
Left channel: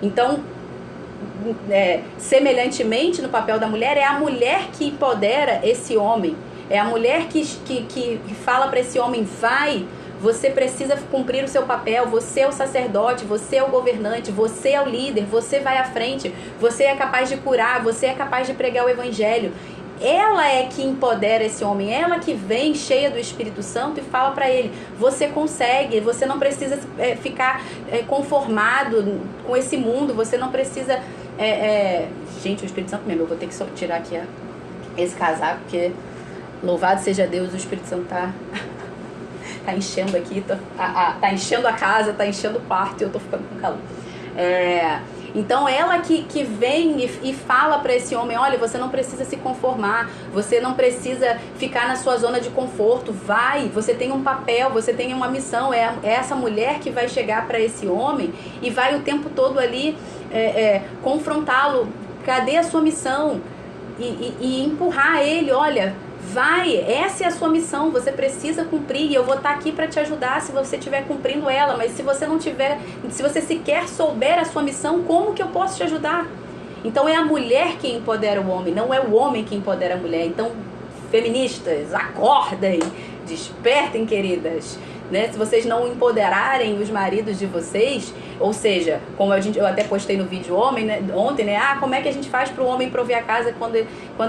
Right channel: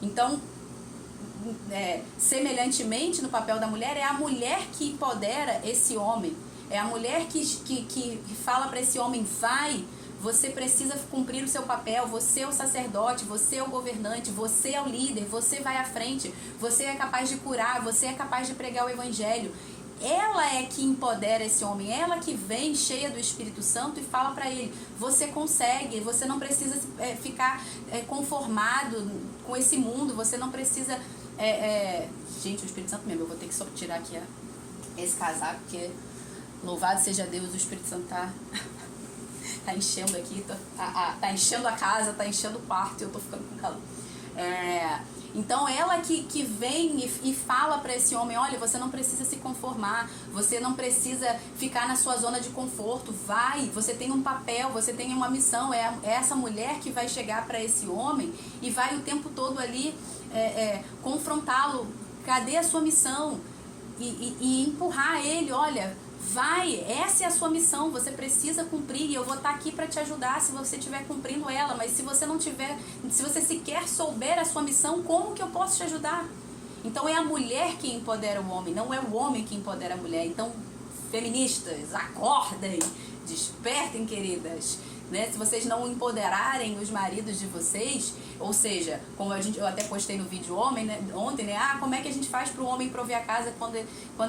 Então, semelhantemente no papel da mulher, é a mulher que empodera esse homem. É a mulher que fala para esse homem: vai, você precisa cumprir o seu papel, você é o sacerdote, você é o governante, você é o líder, você vai à frente, você é capaz de curar, você é capaz de pregar o evangelho. Ela é que empodera esse homem, ela que vem cheia do Espírito Santo e fala para ele: você consegue, você não precisa ficar conformado com esse mundo, você não precisa... Gente, o Espírito Santo mesmo, eu vou ter que tirar aqui esse casaco, porque louvado seja Deus, o Espírito Santo tá enchendo aqui, tá enchendo a casa, tá enchendo o quarto e eu tô ficando com calor. Então ela que vem e fala para esse homem, olha, você não precisa se conformar, você não precisa ficar na sua zona de conforto, vai, você tem um papel, você tem uma missão, é essa mulher que vai chegar para esse homem e vai o tempo todo ali confrontá-lo, cadê a sua missão? E empurrar ele, olha, vai, essa é a sua missão, você precisa cumprir e eu vou estar aqui para te ajudar se você estiver cumprindo ela, mas se você não tiver, se você sequer souber a sua missão, como que eu posso te ajudar? Então é a mulher que empodera o homem, não é o homem que empodera a mulher. Então, feministas, acordem, despertem, queridas, né? Se vocês não empoderarem os maridos de vocês, ou seja, como eu até postei no vídeo ontem, né? Ah, como é que a gente faz para o homem prover a casa quando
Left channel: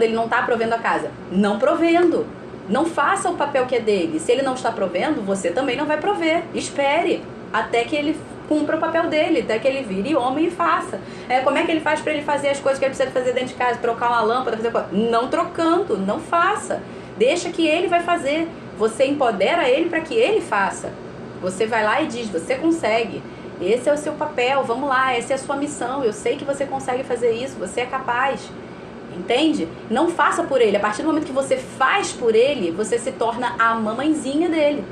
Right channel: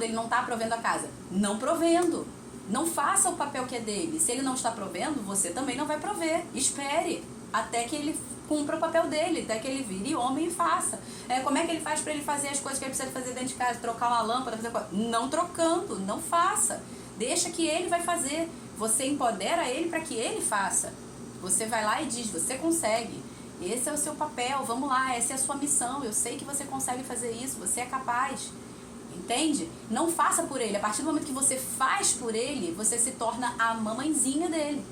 ele não está provendo a casa? Não provendo. Não faça o papel que é dele. Se ele não está provendo, você também não vai prover. Espere até que ele cumpra o papel dele, até que ele vire homem e faça. Como é que ele faz para ele fazer as coisas que ele precisa fazer dentro de casa? Trocar uma lâmpada, fazer coisa? Não trocando, não faça. Deixa que ele vai fazer. Você empodera ele para que ele faça. Você vai lá e diz, você consegue. Esse é o seu papel, vamos lá, essa é a sua missão. Eu sei que você consegue fazer isso, você é capaz. Entende? Não faça por ele. A partir do momento que você faz por ele, você se torna a mamãezinha dele.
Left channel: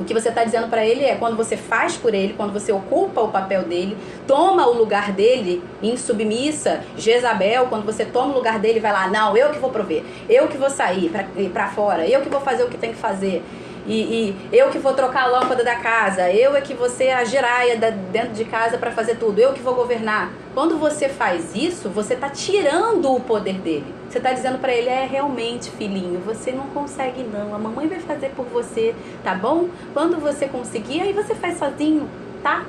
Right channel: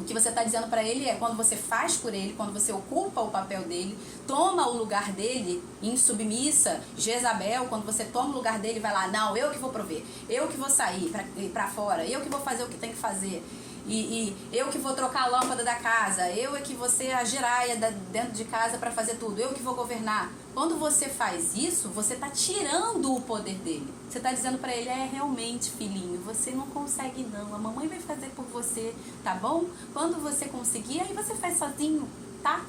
O que você está dizendo para ele é, quando você faz por ele, quando você ocupa o papel dele, toma o lugar dele, insubmissa, Jezabel, quando você toma o lugar dele, vai lá, não, eu que vou prover, eu que vou sair para fora, eu que vou fazer o que tem que fazer, e eu que vou trocar a lâmpada da casa, eu é que vou ser a giraia dentro de casa para fazer tudo, eu que vou governar. Quando você faz isso, você está tirando o poder dele. Você está dizendo para ele, realmente, filhinho, você não consegue não, a mamãe vai fazer por você, tá bom? Quando você conseguir, aí você faz sozinho, tá?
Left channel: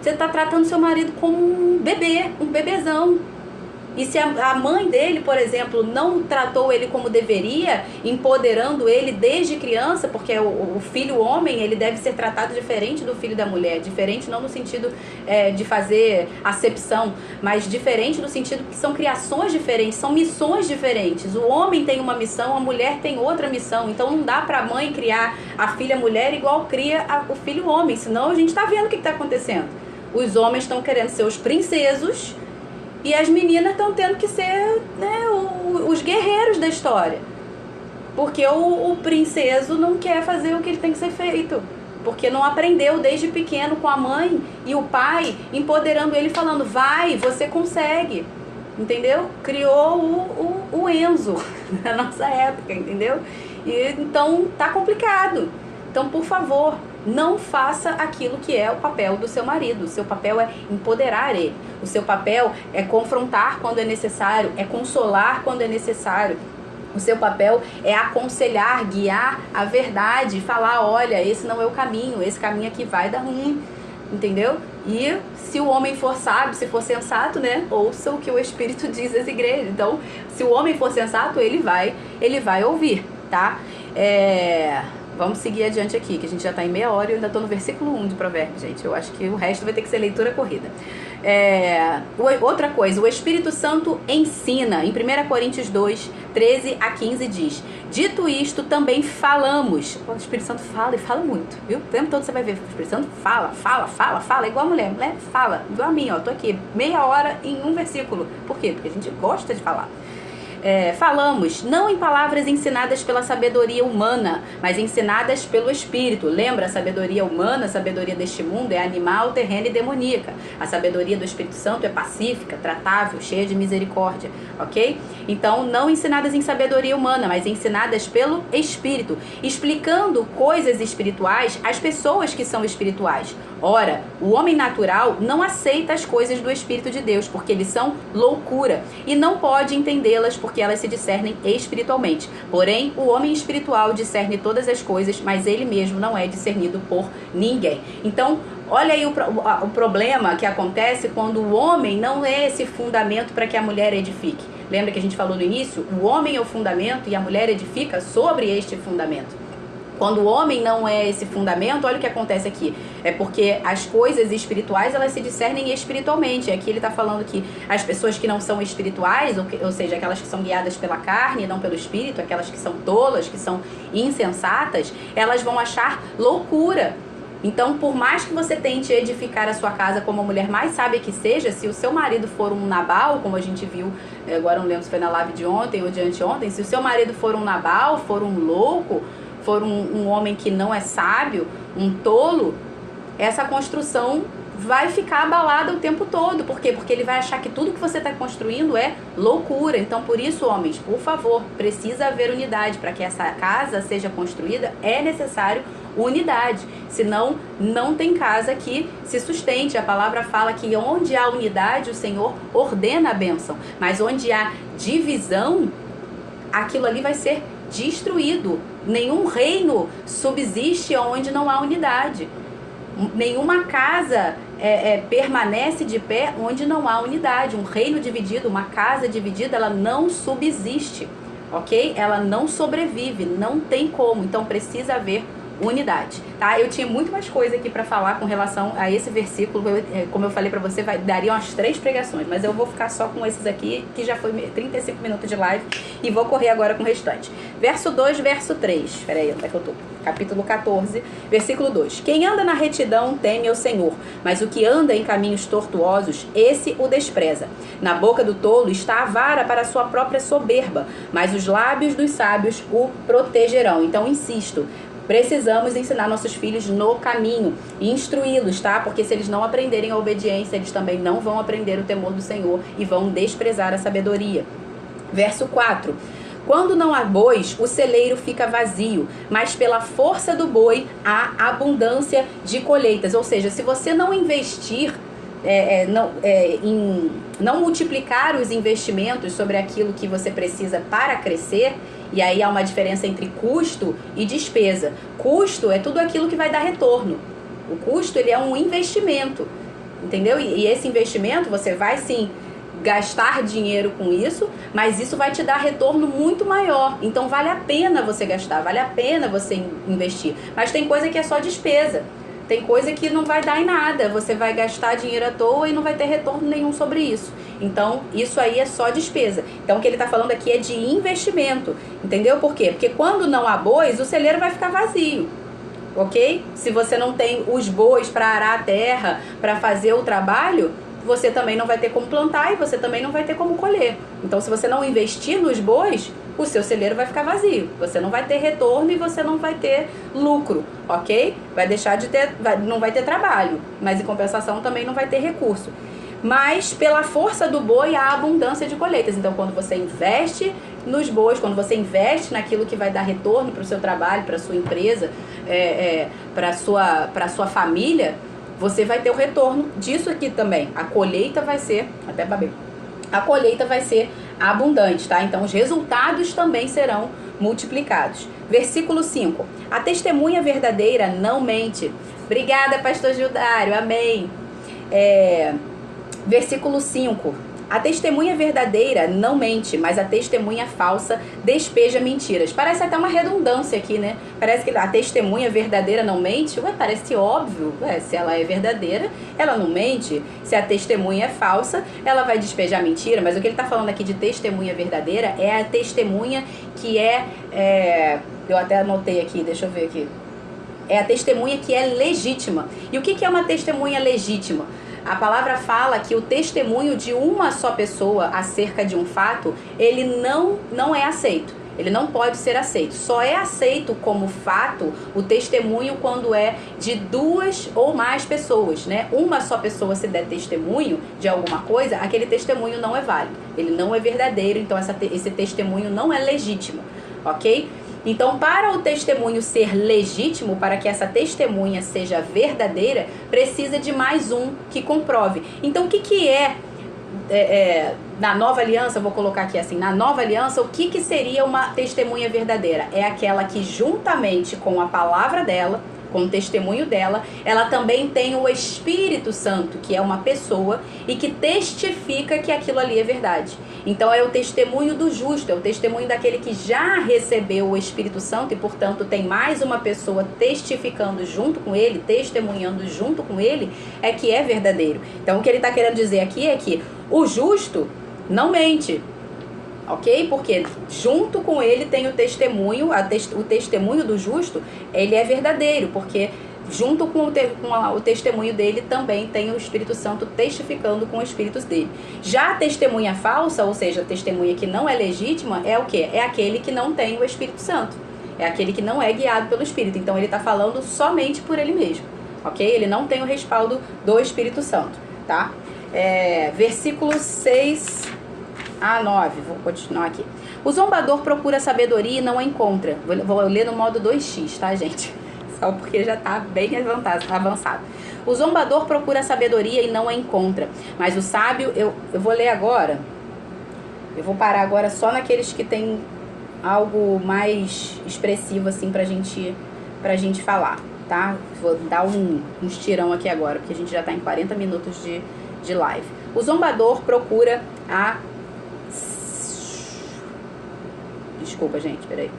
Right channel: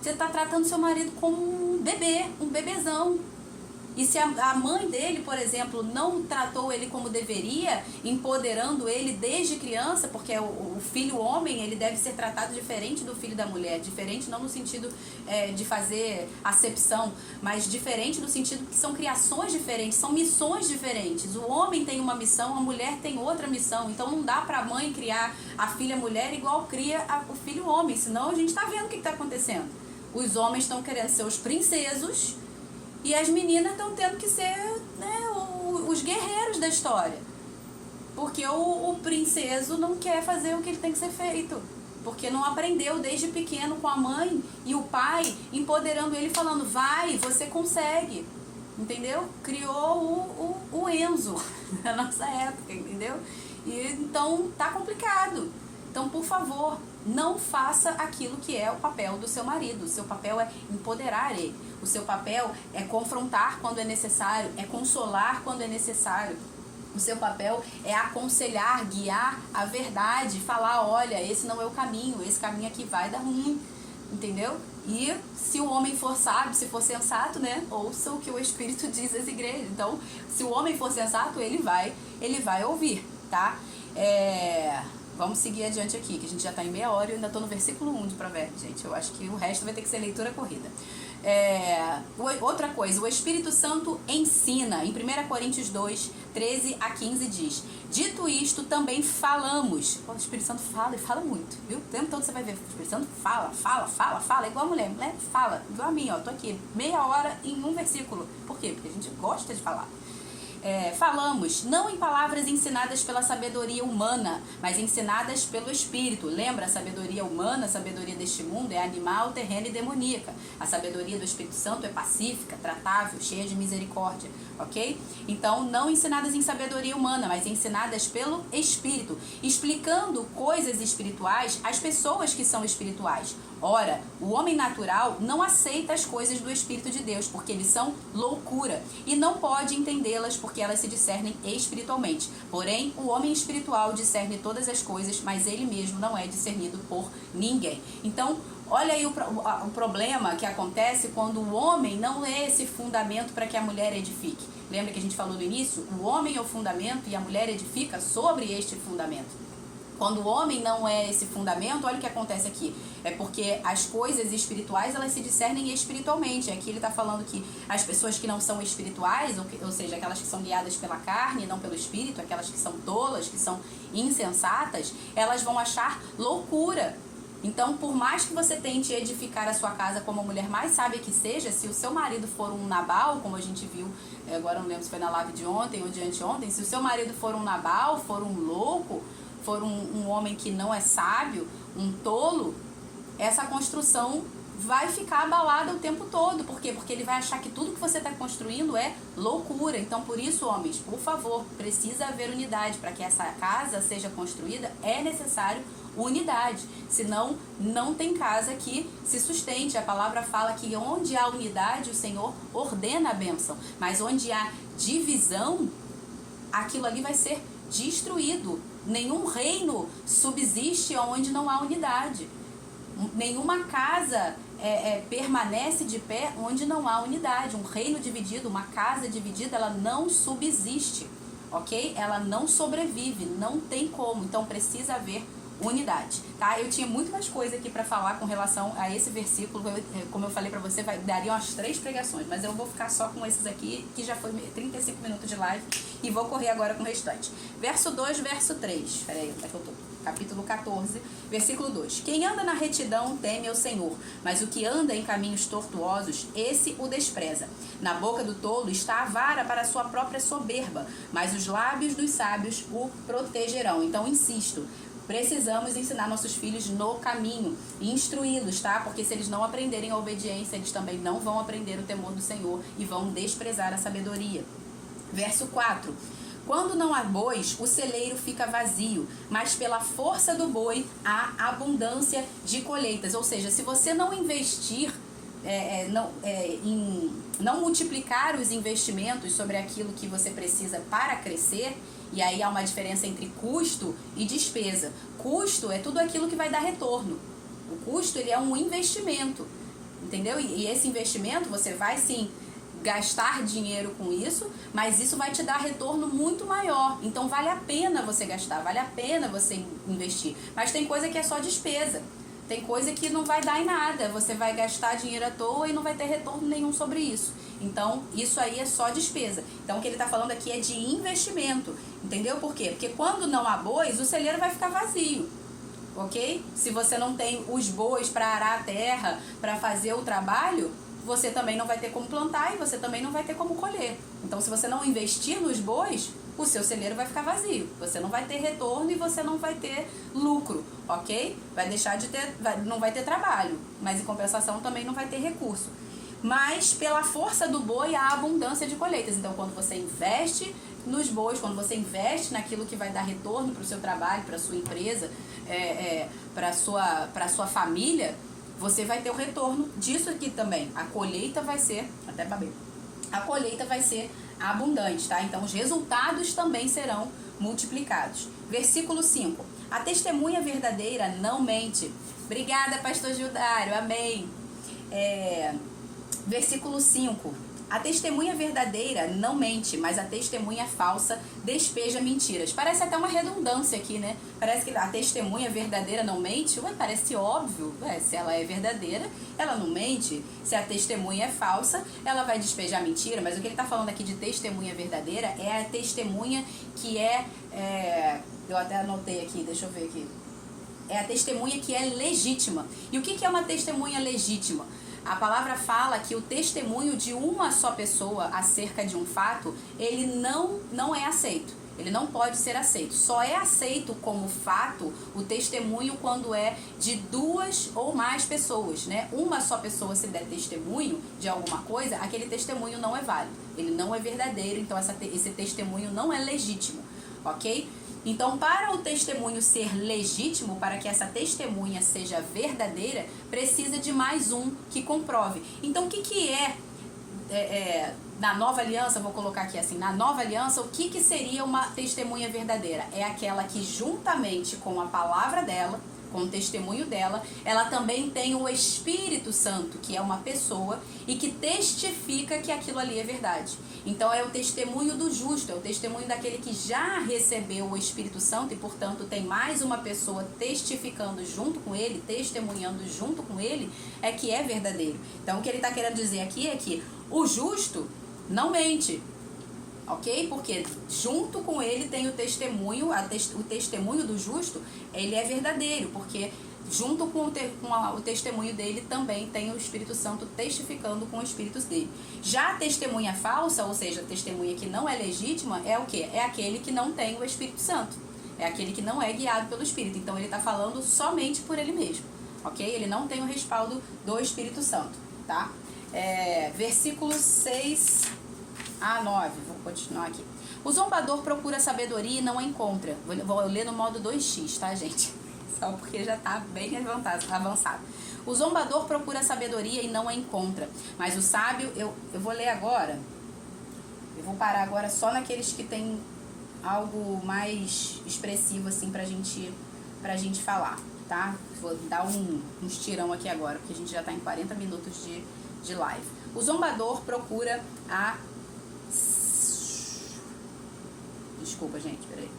Você está tratando seu marido como um bebê, um bebezão. E se a mãe dele, por exemplo, não tratou ele como deveria, empoderando ele desde criança, porque o filho homem, ele deve ser tratado diferente do filho da mulher. Diferente não no sentido de fazer acepção, mas diferente no sentido que são criações diferentes, são missões diferentes. O homem tem uma missão, a mulher tem outra missão. Então não dá pra mãe criar a filha mulher igual cria o filho homem, senão a gente tá vendo o que está acontecendo. Os homens estão querendo ser os princesos, e as meninas estão tendo que ser, né, os guerreiros da história. Porque o princeso não quer fazer o que ele tem que ser feito. Porque não aprendeu desde pequeno com a mãe e o pai empoderando ele, falando, vai, você consegue. Entendeu? Criou o Enzo na nossa época, entendeu? E, então tá complicado. Então, por favor, não faça aquilo que é o papel do seu marido. O seu papel é empoderar ele. O seu papel é confrontar quando é necessário, é consolar quando é necessário. O seu papel é aconselhar, guiar a verdade, falar, olha, esse não é o caminho, esse caminho aqui vai dar ruim, entendeu? E se o homem for sábio, se for sensato, né, ouça o que o Espírito diz às igrejas. Então, se o homem for sensato, ele vai ouvir, tá? Vamos seguir adiante aqui, que a gente já está em meia hora e eu ainda estou no versículo 1 de Provérbios, gente. Eu acho que o resto vai ter que ser leitura corrida. Outra coisa, o Espírito Santo ensina. Em 1 Coríntios 2, 13 a 15 diz, dito isto, também falamos. O Espírito Santo fala e fala muito, viu? O tempo todo você vai ver, o Espírito Santo fala, igual a mulher. Mulher fala, igual a mim, ó. Tô aqui meia hora em um versículo. Por quê? Porque a gente gosta de falar. Falamos, não em palavras ensinadas pela sabedoria humana, mas ensinadas pelo Espírito. Lembra, a sabedoria humana, a sabedoria deste mundo é animal, terrena e demoníaca. A sabedoria do Espírito Santo é pacífica, tratável, cheia de misericórdia, ok? Então, não ensinadas em sabedoria humana, mas ensinadas pelo Espírito, explicando coisas espirituais às pessoas que são espirituais. Ora, o homem natural não aceita as coisas do Espírito de Deus, porque eles são loucura, e não pode entendê-las, porque elas se discernem espiritualmente. Porém, o homem espiritual discerne todas as coisas, mas ele mesmo não é discernido por ninguém. Então, olha aí o problema que acontece quando o homem não é esse fundamento para que a mulher edifique. Lembra que a gente falou no início? O homem é o fundamento e a mulher edifica sobre este fundamento. Quando o homem não é esse fundamento, olha o que acontece aqui. É porque as coisas espirituais, elas se discernem espiritualmente. Aqui ele está falando que as pessoas que não são espirituais, ou seja, aquelas que são guiadas pela carne e não pelo espírito, aquelas que são tolas, que são insensatas, elas vão achar loucura. Então, por mais que você tente edificar a sua casa como a mulher mais sábia que seja, se o seu marido for um Nabal, como a gente viu, agora não lembro se foi na live de ontem ou de anteontem, se o seu marido for um Nabal, for um louco, for um homem que não é sábio, um tolo, essa construção vai ficar abalada o tempo todo. Por quê? Porque ele vai achar que tudo que você está construindo é loucura. Então, por isso, homens, por favor, precisa haver unidade. Para que essa casa seja construída, é necessário unidade. Senão, não tem casa que se sustente. A palavra fala que onde há unidade, o Senhor ordena a bênção. Mas onde há divisão, aquilo ali vai ser destruído. Nenhum reino subsiste onde não há unidade. Nenhuma casa permanece de pé onde não há unidade. Um reino dividido, uma casa dividida, ela não subsiste, ok? Ela não sobrevive, não tem como. Então precisa haver unidade, tá? Eu tinha muito mais coisa aqui para falar com relação a esse versículo. Como eu falei para você, daria umas 3 pregações, mas eu vou ficar só com esses aqui, que já foi 35 minutos de live, e vou correr agora com o restante. Verso 2, verso 3. Peraí, onde é que eu tô? Capítulo 14, versículo 2. Quem anda na retidão teme ao Senhor, mas o que anda em caminhos tortuosos, esse o despreza. Na boca do tolo está a vara para a sua própria soberba, mas os lábios dos sábios o protegerão. Então, insisto, precisamos ensinar nossos filhos no caminho e instruí-los, tá? Porque se eles não aprenderem a obediência, eles também não vão aprender o temor do Senhor e vão desprezar a sabedoria. Verso 4. Quando não há bois, o celeiro fica vazio, mas pela força do boi há abundância de colheitas. Ou seja, se você não investir, não multiplicar os investimentos sobre aquilo que você precisa para crescer, e aí há uma diferença entre custo e despesa. Custo é tudo aquilo que vai dar retorno. O custo, ele é um investimento, entendeu? E esse investimento, você vai sim gastar dinheiro com isso, mas isso vai te dar retorno muito maior. Então vale a pena você gastar, vale a pena você investir. Mas tem coisa que é só despesa. Tem coisa que não vai dar em nada. Você vai gastar dinheiro à toa e não vai ter retorno nenhum sobre isso. Então, isso aí é só despesa. Então, o que ele está falando aqui é de investimento. Entendeu por quê? Porque quando não há bois, o celeiro vai ficar vazio. Ok? Se você não tem os bois para arar a terra, para fazer o trabalho, você também não vai ter como plantar e você também não vai ter como colher. Então, se você não investir nos bois, o seu celeiro vai ficar vazio. Você não vai ter retorno e você não vai ter lucro, ok? Vai deixar de ter, não vai ter trabalho, mas em compensação também não vai ter recurso. Mas pela força do boi há abundância de colheitas. Então, quando você investe nos bois, quando você investe naquilo que vai dar retorno para o seu trabalho, para a sua empresa, para a sua família, você vai ter o retorno disso aqui também. A colheita vai ser, até babei, a colheita vai ser abundante, tá? Então, os resultados também serão multiplicados. Versículo 5. A testemunha verdadeira não mente. Obrigada, pastor Gildário. Amém. Versículo 5. A testemunha verdadeira não mente, mas a testemunha falsa despeja mentiras. Parece até uma redundância aqui, né? Parece que a testemunha verdadeira não mente. Ué, parece óbvio. Ué, se ela é verdadeira, ela não mente. Se a testemunha é falsa, ela vai despejar mentira. Mas o que ele está falando aqui de testemunha verdadeira é a testemunha que eu até anotei aqui, deixa eu ver aqui. É a testemunha que é legítima. E o que é uma testemunha legítima? A palavra fala que o testemunho de uma só pessoa acerca de um fato, ele não é aceito. Ele não pode ser aceito. Só é aceito como fato o testemunho quando é de 2 ou mais pessoas, né? Uma só pessoa se der testemunho de alguma coisa, aquele testemunho não é válido. Ele não é verdadeiro, então esse testemunho não é legítimo, ok? Então, para o testemunho ser legítimo, para que essa testemunha seja verdadeira, precisa de mais um que comprove. Então, o que é na nova aliança, vou colocar aqui assim, na nova aliança, o que seria uma testemunha verdadeira? É aquela que juntamente com a palavra dela, com o testemunho dela, ela também tem o Espírito Santo, que é uma pessoa e que testifica que aquilo ali é verdade. Então é o testemunho do justo, é o testemunho daquele que já recebeu o Espírito Santo e, portanto, tem mais uma pessoa testificando junto com ele, testemunhando junto com ele, é que é verdadeiro. Então o que ele está querendo dizer aqui é que o justo não mente, ok? Porque junto com ele tem o testemunho, o testemunho do justo, ele é verdadeiro, porque junto com o testemunho dele, também tem o Espírito Santo testificando com os espíritos dele. Já a testemunha falsa, ou seja, a testemunha que não é legítima, é o quê? É aquele que não tem o Espírito Santo. É aquele que não é guiado pelo Espírito. Então ele está falando somente por ele mesmo, ok? Ele não tem o respaldo do Espírito Santo, tá? Versículos 6 a 9, vou continuar aqui. O zombador procura sabedoria e não a encontra. Vou ler no modo 2x, tá, gente? Só porque já está bem avançado. O zombador procura sabedoria e não a encontra. Mas o sábio, eu vou ler agora. Eu vou parar agora só naqueles que tem algo mais expressivo, assim, pra gente falar, tá? Vou dar uns tirão aqui agora, porque a gente já tá em 40 minutos de live. O zombador procura a... Desculpa, gente, peraí.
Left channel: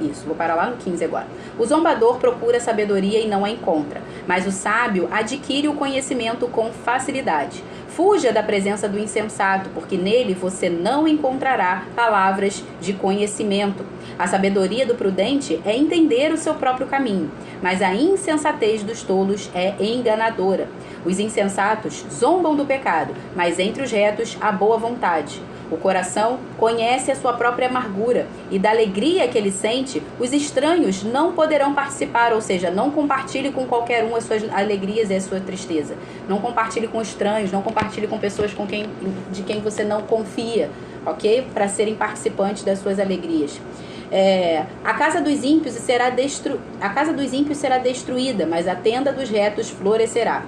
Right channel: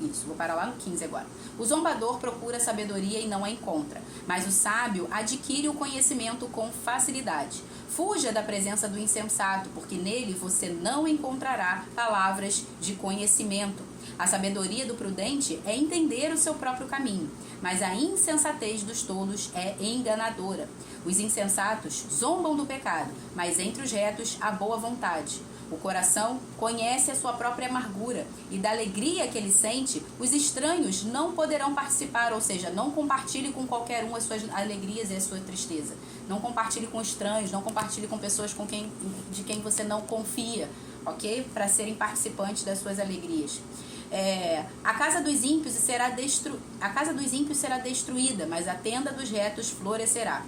Isso, vou parar lá no 15 agora. O zombador procura sabedoria e não a encontra, mas o sábio adquire o conhecimento com facilidade. Fuja da presença do insensato, porque nele você não encontrará palavras de conhecimento. A sabedoria do prudente é entender o seu próprio caminho, mas a insensatez dos tolos é enganadora. Os insensatos zombam do pecado, mas entre os retos há boa vontade. O coração conhece a sua própria amargura, e da alegria que ele sente, os estranhos não poderão participar, ou seja, não compartilhe com qualquer um as suas alegrias e a sua tristeza. Não compartilhe com estranhos, não compartilhe com pessoas de quem você não confia, ok? Para serem participantes das suas alegrias. A casa dos ímpios será destruída, mas a tenda dos retos florescerá.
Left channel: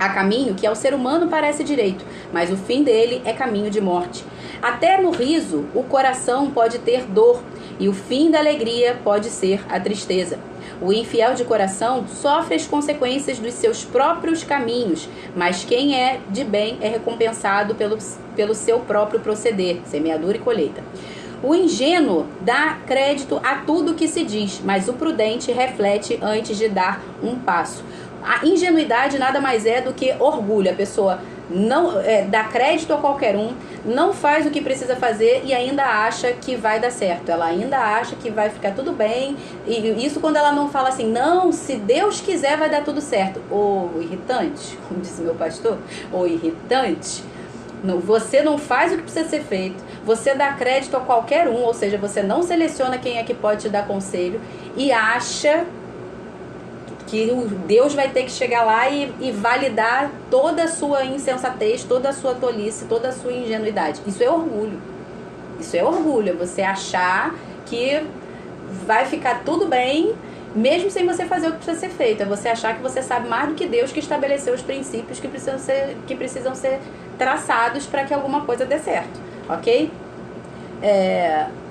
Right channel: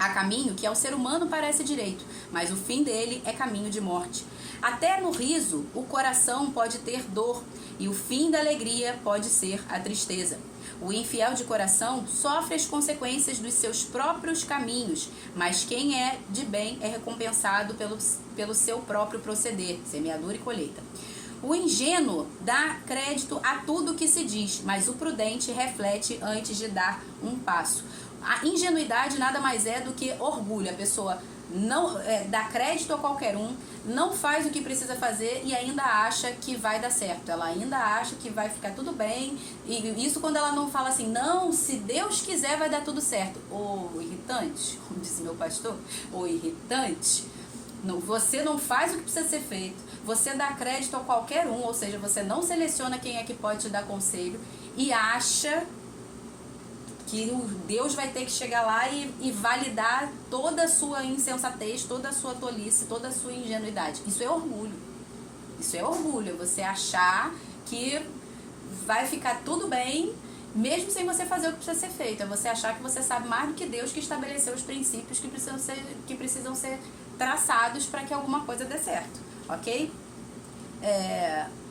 Há caminho que ao ser humano parece direito, mas o fim dele é caminho de morte. Até no riso, o coração pode ter dor, e o fim da alegria pode ser a tristeza. O infiel de coração sofre as consequências dos seus próprios caminhos, mas quem é de bem é recompensado pelo seu próprio proceder, semeadura e colheita. O ingênuo dá crédito a tudo que se diz, mas o prudente reflete antes de dar um passo. A ingenuidade nada mais é do que orgulho. A pessoa não dá crédito a qualquer um, não faz o que precisa fazer e ainda acha que vai dar certo. Ela ainda acha que vai ficar tudo bem. E isso quando ela não fala assim, não, se Deus quiser vai dar tudo certo. Ô irritante, como disse meu pastor, ô irritante, não, você não faz o que precisa ser feito, você dá crédito a qualquer um, ou seja, você não seleciona quem é que pode te dar conselho e acha que Deus vai ter que chegar lá e validar toda a sua insensatez, toda a sua tolice, toda a sua ingenuidade. Isso é orgulho. Isso é orgulho, é você achar que vai ficar tudo bem, mesmo sem você fazer o que precisa ser feito. É você achar que você sabe mais do que Deus, que estabeleceu os princípios que precisam ser traçados para que alguma coisa dê certo, ok?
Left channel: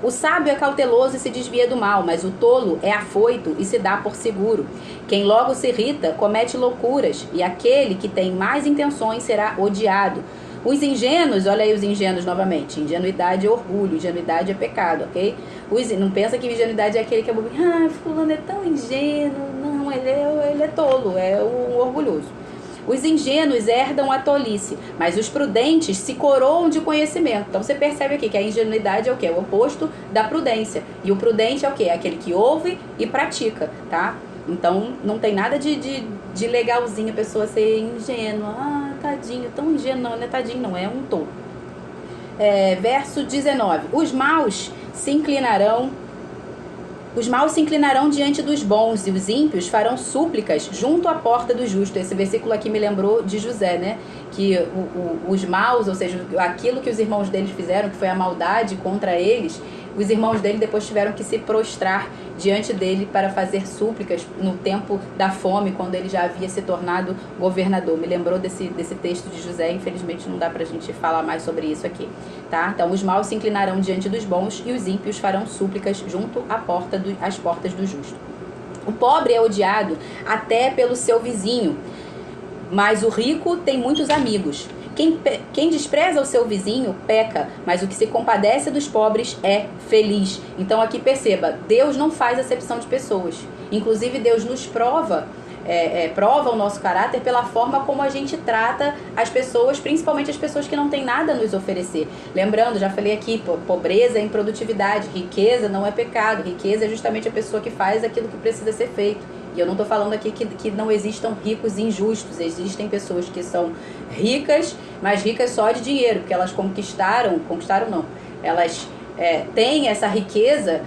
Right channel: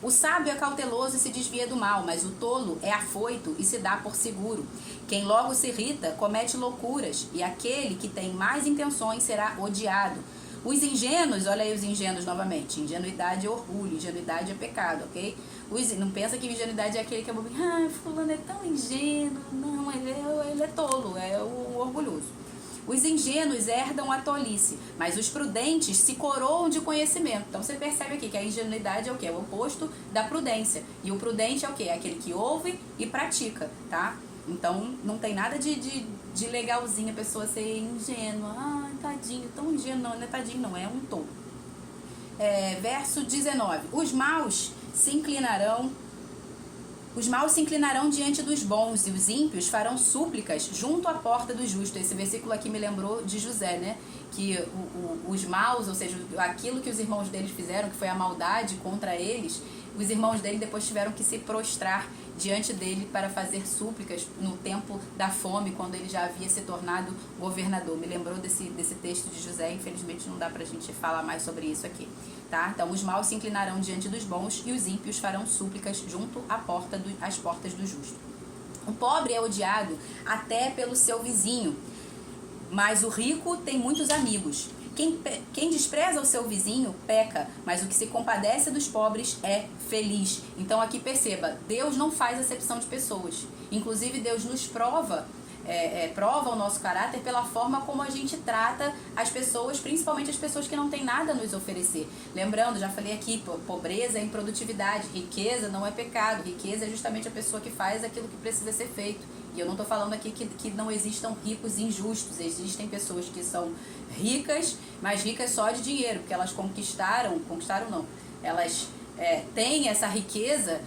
O sábio é cauteloso e se desvia do mal, mas o tolo é afoito e se dá por seguro. Quem logo se irrita comete loucuras, e aquele que tem mais intenções será odiado. Os ingênuos, olha aí os ingênuos novamente, ingenuidade é orgulho, ingenuidade é pecado, ok? Não pensa que ingenuidade é aquele que é bobinho, fulano é tão ingênuo, não, ele é tolo, é o orgulhoso. Os ingênuos herdam a tolice, mas os prudentes se coroam de conhecimento. Então você percebe aqui que a ingenuidade é o quê? É o oposto da prudência. E o prudente é o quê? É aquele que ouve e pratica, tá? Então não tem nada de legalzinho a pessoa ser ingênua. Tadinho, tão ingênuo, não é tadinho, não, é um tolo. Verso 19. Os maus se inclinarão diante dos bons, e os ímpios farão súplicas junto à porta do justo. Esse versículo aqui me lembrou de José, né? Que os maus, ou seja, aquilo que os irmãos deles fizeram, que foi a maldade contra eles, os irmãos dele depois tiveram que se prostrar diante dele para fazer súplicas no tempo da fome, quando ele já havia se tornado governador. Me lembrou desse texto de José, infelizmente não dá pra gente falar mais sobre isso aqui, tá? Então, os maus se inclinarão diante dos bons e os ímpios farão súplicas junto às portas do justo. O pobre é odiado até pelo seu vizinho, mas o rico tem muitos amigos. Quem despreza o seu vizinho peca, mas o que se compadece dos pobres é feliz. Então aqui perceba, Deus não faz acepção de pessoas. Inclusive Deus nos prova o nosso caráter pela forma como a gente trata as pessoas, principalmente as pessoas que não têm nada a nos oferecer. Lembrando, já falei aqui, pobreza é improdutividade, riqueza não é pecado, riqueza é justamente a pessoa que faz aquilo que precisa ser feito. E eu não estou falando aqui que não existam ricos injustos. Existem pessoas que são ricas, mas ricas só de dinheiro, porque elas conquistaram não, elas têm essa riqueza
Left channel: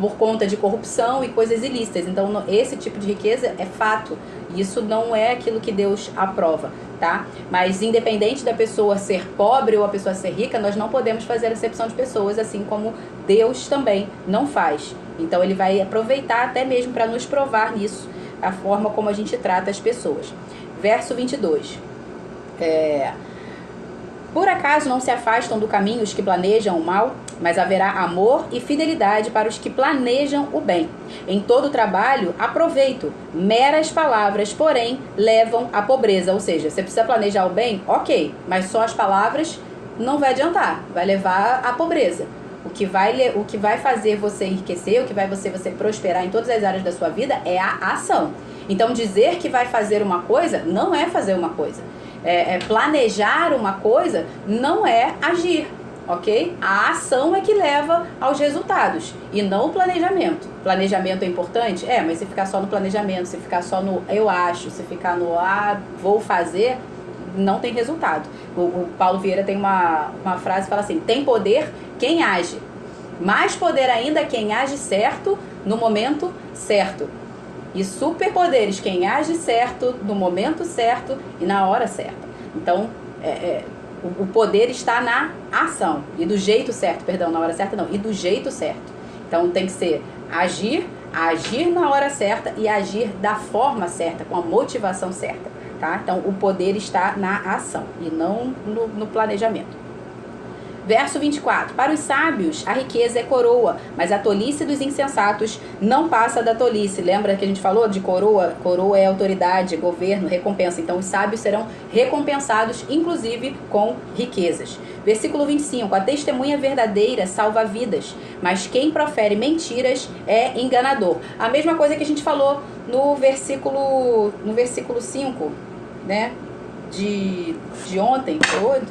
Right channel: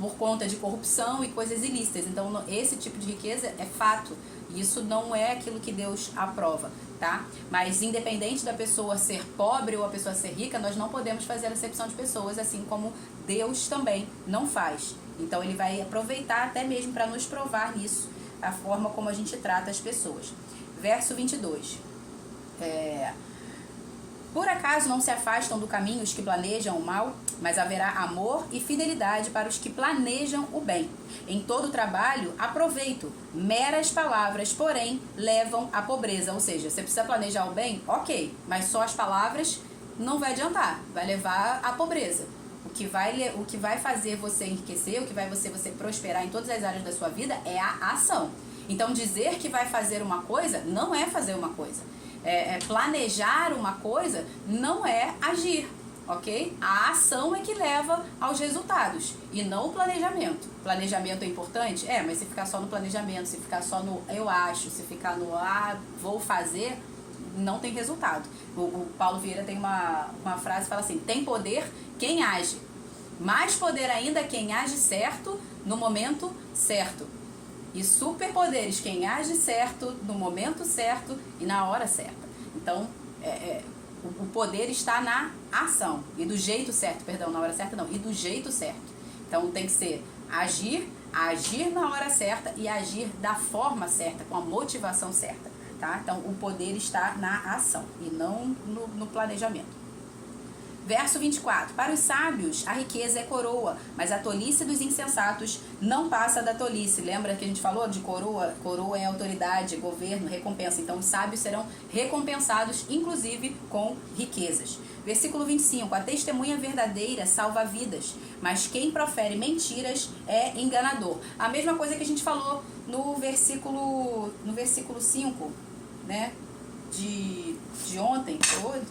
por conta de corrupção e coisas ilícitas. Então, esse tipo de riqueza é fato. Isso não é aquilo que Deus aprova, tá? Mas independente da pessoa ser pobre ou a pessoa ser rica, nós não podemos fazer acepção de pessoas, assim como Deus também não faz. Então, ele vai aproveitar até mesmo para nos provar nisso, a forma como a gente trata as pessoas. Verso 22. Por acaso não se afastam do caminho os que planejam o mal, mas haverá amor e fidelidade para os que planejam o bem. Em todo trabalho, há proveito. Meras palavras, porém, levam à pobreza. Ou seja, você precisa planejar o bem? Ok, mas só as palavras não vai adiantar, vai levar à pobreza. O que vai fazer você enriquecer, o que vai você prosperar em todas as áreas da sua vida é a ação. Então, dizer que vai fazer uma coisa não é fazer uma coisa. Planejar uma coisa não é agir, ok? A ação é que leva aos resultados e não o planejamento. Planejamento é importante? Mas se ficar só no planejamento, se ficar só no eu acho, se ficar no vou fazer, não tem resultado. O Paulo Vieira tem uma frase que fala assim: tem poder quem age, mais poder ainda quem age certo no momento certo. E superpoderes, quem age certo, no momento certo e na hora certa. Então, o poder está na ação. E do jeito certo, perdão, na hora certa não. E do jeito certo. Então, tem que ser agir na hora certa e agir da forma certa, com a motivação certa. Tá? Então, o poder está na ação e não no planejamento. Verso 24. Para os sábios, a riqueza é coroa, mas a tolice dos insensatos não passa da tolice. Lembra que a gente falou de coroa? Coroa é autoridade, governo, recompensa. Então, os sábios serão recompensados, inclusive, com riquezas. Versículo 25. A testemunha verdadeira salva vidas, mas quem profere mentiras é enganador. A mesma coisa que a gente falou no versículo 5, né? De ontem,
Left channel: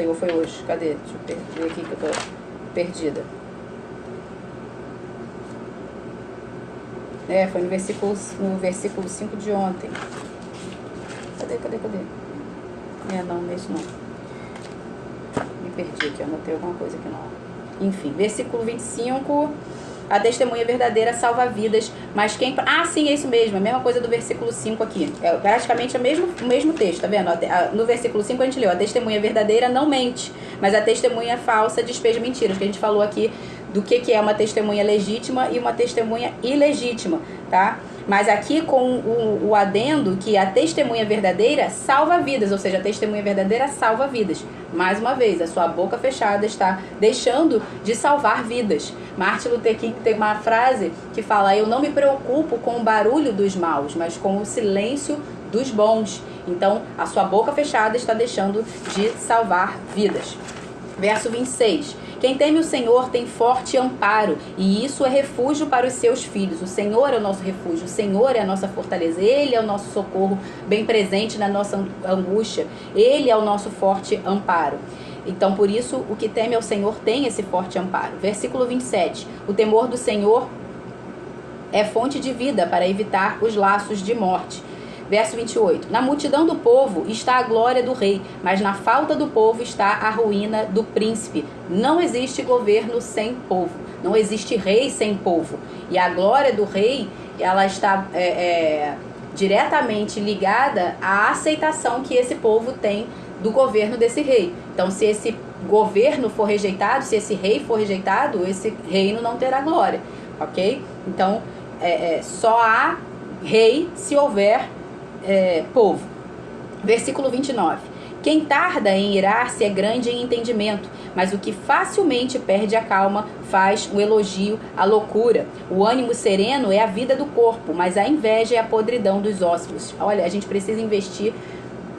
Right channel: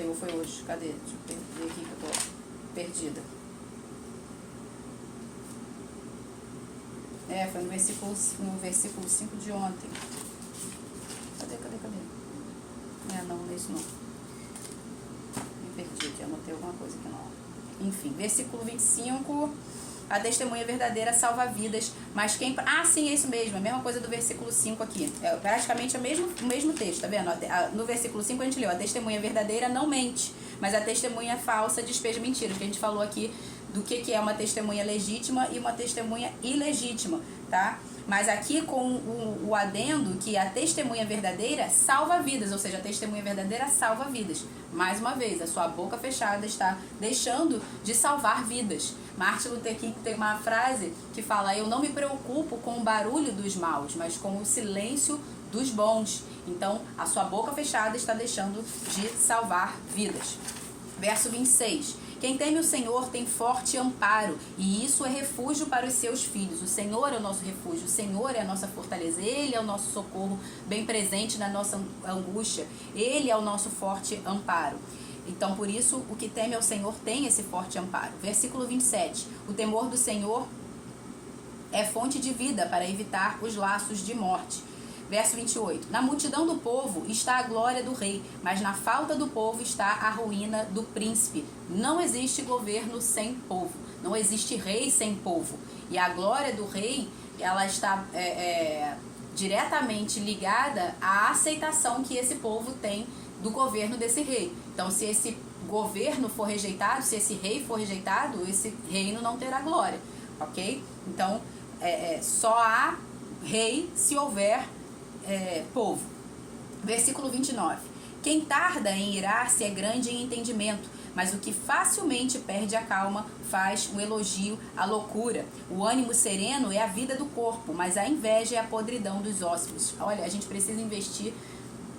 ou foi hoje? Cadê? Deixa eu ver aqui que eu tô perdida. Foi no versículo 5 de ontem. Cadê? Não é isso não. Me perdi aqui, anotei alguma coisa aqui não. Enfim, versículo 25... A testemunha verdadeira salva vidas, mas quem... sim, é isso mesmo, a mesma coisa do versículo 5 aqui. É praticamente o mesmo texto, tá vendo? No versículo 5 a gente leu: a testemunha verdadeira não mente, mas a testemunha falsa despeja mentiras. Que a gente falou aqui do que é uma testemunha legítima e uma testemunha ilegítima, tá? Mas aqui com o adendo que a testemunha verdadeira salva vidas, ou seja, a testemunha verdadeira salva vidas. Mais uma vez, a sua boca fechada está deixando de salvar vidas. Martin Luther King tem uma frase que fala: eu não me preocupo com o barulho dos maus, mas com o silêncio dos bons. Então, a sua boca fechada está deixando de salvar vidas. Verso 26. Quem teme o Senhor tem forte amparo, e isso é refúgio para os seus filhos. O Senhor é o nosso refúgio, o Senhor é a nossa fortaleza, Ele é o nosso socorro bem presente na nossa angústia, Ele é o nosso forte amparo. Então, por isso, o que teme ao Senhor tem esse forte amparo. Versículo 27. O temor do Senhor é fonte de vida para evitar os laços de morte. Verso 28. Na multidão do povo está a glória do rei, mas na falta do povo está a ruína do príncipe. Não existe governo sem povo. Não existe rei sem povo. E a glória do rei, ela está diretamente ligada à aceitação que esse povo tem do governo desse rei. Então, se esse governo for rejeitado, se esse rei for rejeitado, esse reino não terá glória. Ok? Então, só há rei se houver povo. Versículo 29. Quem tarda em irar-se é grande em entendimento, mas o que facilmente perde a calma faz o elogio à loucura. O ânimo sereno é a vida do corpo, mas a inveja é a podridão dos ossos. Olha, a gente precisa investir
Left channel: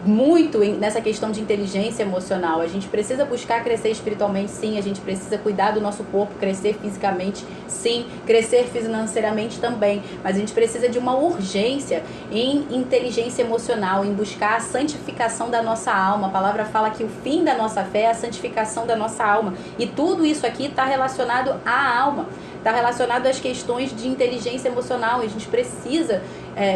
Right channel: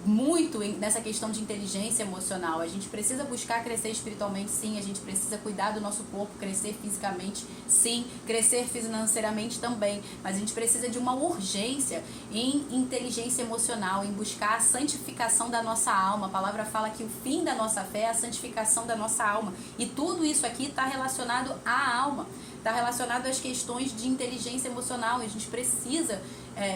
muito nessa questão de inteligência emocional. A gente precisa buscar crescer espiritualmente, sim. A gente precisa cuidar do nosso corpo, crescer fisicamente, sim. Crescer financeiramente também. Mas a gente precisa de uma urgência em inteligência emocional, em buscar a santificação da nossa alma. A palavra fala que o fim da nossa fé é a santificação da nossa alma. E tudo isso aqui está relacionado à alma. Está relacionado às questões de inteligência emocional. A gente precisa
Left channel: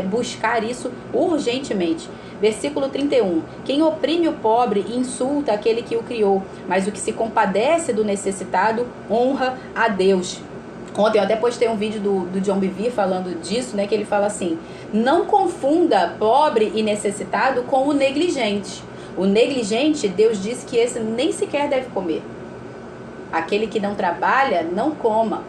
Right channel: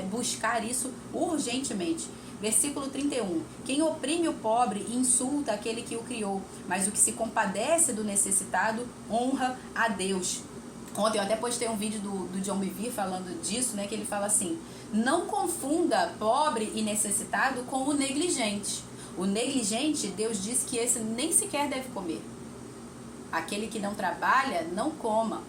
buscar isso urgentemente. Versículo 31. Quem oprime o pobre insulta aquele que o criou, mas o que se compadece do necessitado honra a Deus. Ontem eu até postei um vídeo do John Bevere falando disso, né? Que ele fala assim: não confunda pobre e necessitado com o negligente. O negligente, Deus disse que esse nem sequer deve comer. Aquele que não trabalha, não coma.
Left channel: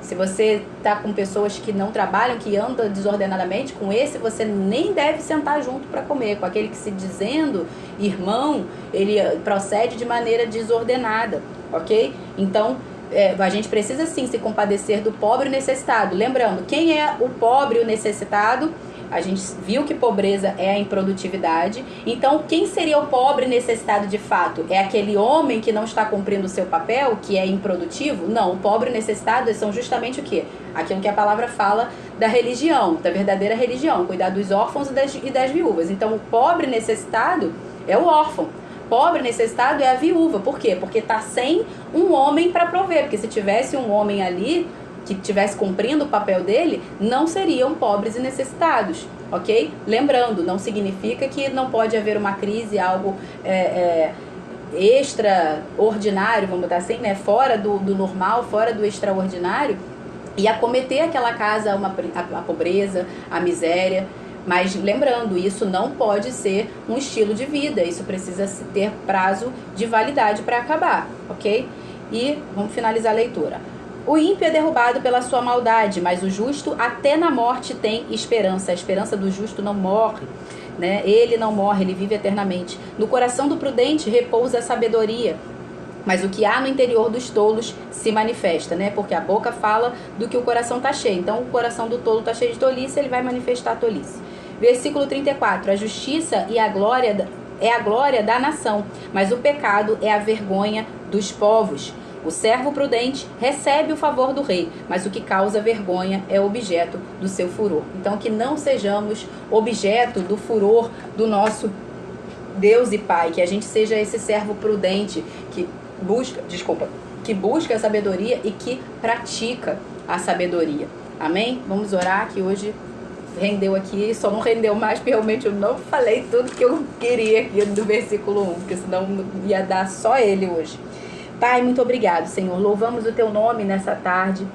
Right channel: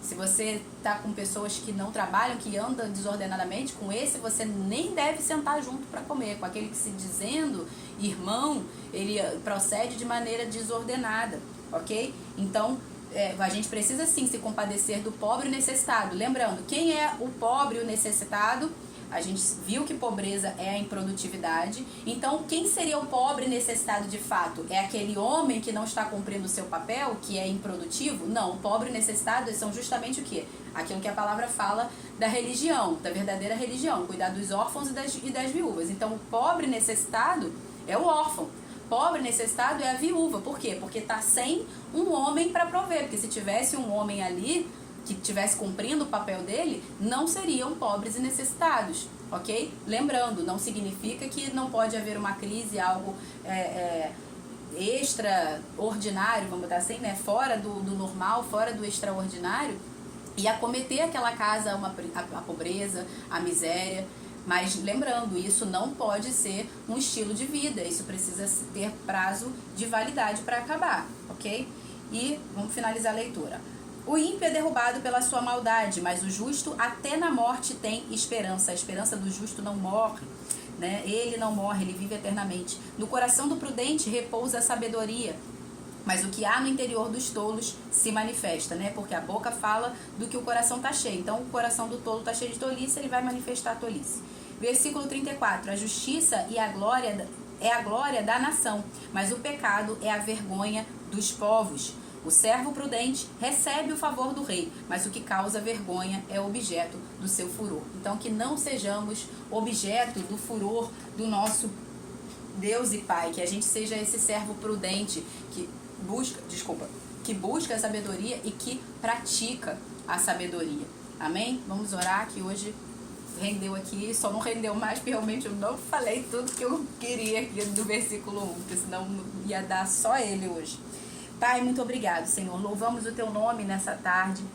Se você está com pessoas que não trabalham, que andam desordenadamente, com esse você nem deve sentar junto para comer. Com aquele que se dizendo irmão, ele procede de maneira desordenada, ok? Então, a gente precisa sim se compadecer do pobre e necessitado. Lembrando, quem é o pobre e o necessitado? A gente viu que pobreza é a improdutividade. Então, quem seria o pobre necessitado de fato? É aquele homem que não está cumprindo o seu papel, que é improdutivo? Não, o pobre necessitado são justamente o quê? Aquilo que a palavra fala da religião, da verdadeira religião, cuidar dos órfãos e das viúvas. Então, o pobre necessitado é o órfão. Pobre necessitado é a viúva. Por quê? Porque está sem um homem para prover. Porque se tivesse um homem ali que estivesse cumprindo o papel dele, não seriam pobres e necessitados, ok? Lembrando, não significa que não pode haver uma crise, algo extraordinário, vamos botar assim, né? Fora do normal, fora do extraordinário, e acometer aquela casa a pobreza, a miséria. Mas lembrando, isso não pode ser um estilo de vida, isso precisa ter prazo de validade para acabar, ok? E vamos finalizar a leitura. O ímpio é derrubado pela sua maldade, mas o justo até na morte tem esperança. A esperança do justo não morre, né? Ele não morre, ele vive eternamente. No coração do prudente repousa a sabedoria, mas o que há no interior dos tolos se manifesta, né? Porque a boca fala do que o coração está cheio. Então, o coração do tolo está cheio de tolice, ele vai manifestar a tolice. Versículo 34. A justiça e a glória é a glória da nação, mas o pecado é a vergonha dos povos. O servo prudente recebe o favor do rei, mas o que causa vergonha é objeto do seu furor. Então, que não sejamos objeto do furor do nosso Deus e Pai, que a gente seja esse servo prudente que busca a sabedoria e que pratica a sabedoria. Amém? Vamos orar, que hoje rendeu aqui, só não rendeu mais porque realmente eu não falei tudo que eu queria aqui do versículo 1, porque senão ia dar só ele hoje. Pai, muito obrigado, Senhor. Louvamos o Teu nome nessa tarde.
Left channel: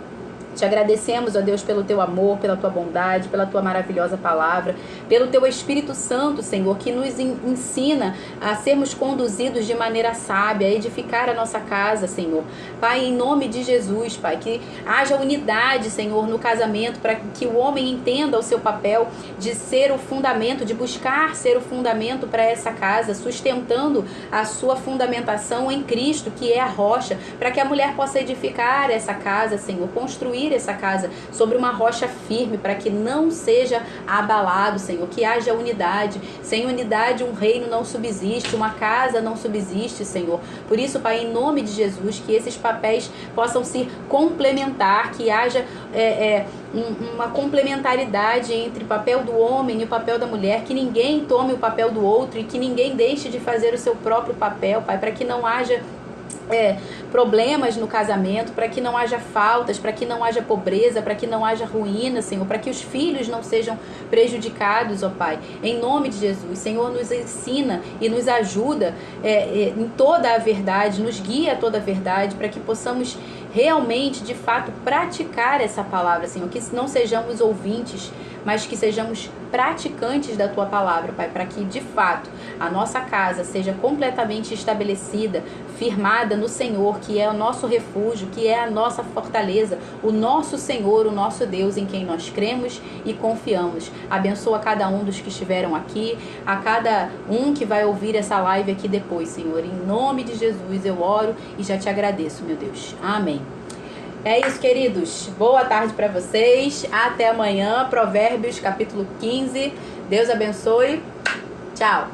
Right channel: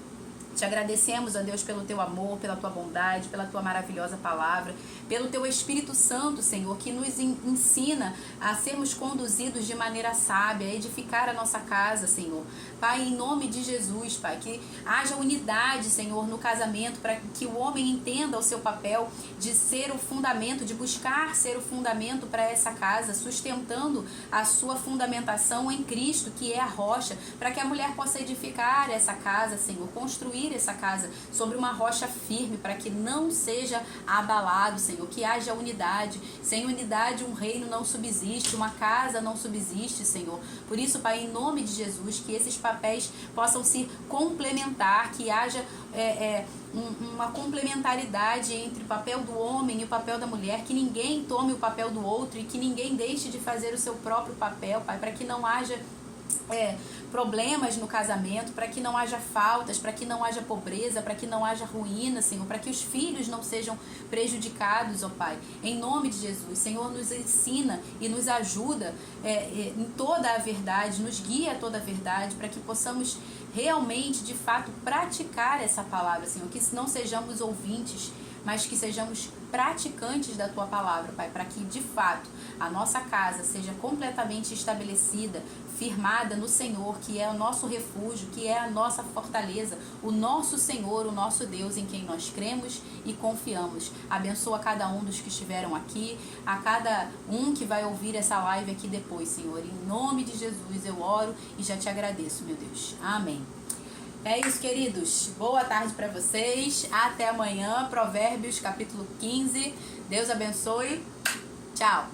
Te agradecemos, ó Deus, pelo Teu amor, pela Tua bondade, pela Tua maravilhosa palavra, pelo Teu Espírito Santo, Senhor, que nos ensina a sermos conduzidos de maneira sábia, a edificar a nossa casa, Senhor. Pai, em nome de Jesus, Pai, que haja unidade, Senhor, no casamento, para que o homem entenda o seu papel de ser o fundamento, de buscar ser o fundamento para essa casa, sustentando a sua fundamentação em Cristo, que é a rocha, para que a mulher possa edificar essa casa, Senhor, construir essa casa sobre uma rocha firme, para que não seja abalado, Senhor, que haja unidade. Sem unidade um reino não subsiste, uma casa não subsiste, Senhor. Por isso, Pai, em nome de Jesus, que esses papéis possam se complementar, que haja uma complementaridade entre o papel do homem e o papel da mulher, que ninguém tome o papel do outro e que ninguém deixe de fazer o seu próprio papel, Pai, para que não haja problemas no casamento, para que não haja faltas, para que não haja pobreza, para que não haja ruína, Senhor, para que os filhos não sejam prejudicados, ó Pai, em nome de Jesus. Senhor, nos ensina e nos ajuda em toda a verdade, nos guia a toda a verdade, para que possamos realmente, de fato, praticar essa palavra, Senhor, que não sejamos ouvintes, mas que sejamos praticantes da Tua palavra, Pai, para que, de fato, a nossa casa seja completamente estabelecida, firmada no Senhor, que é o nosso refúgio, que é a nossa fortaleza, o nosso Senhor, o nosso Deus, em quem nós cremos e confiamos. Abençoa cada um dos que estiveram aqui, a cada um que vai ouvir essa live aqui depois, Senhor. Em nome de Jesus eu oro e já te agradeço, meu Deus. Amém. É isso, queridos. Boa tarde para vocês. Até amanhã. Provérbios, capítulo 15. Deus abençoe. Tchau.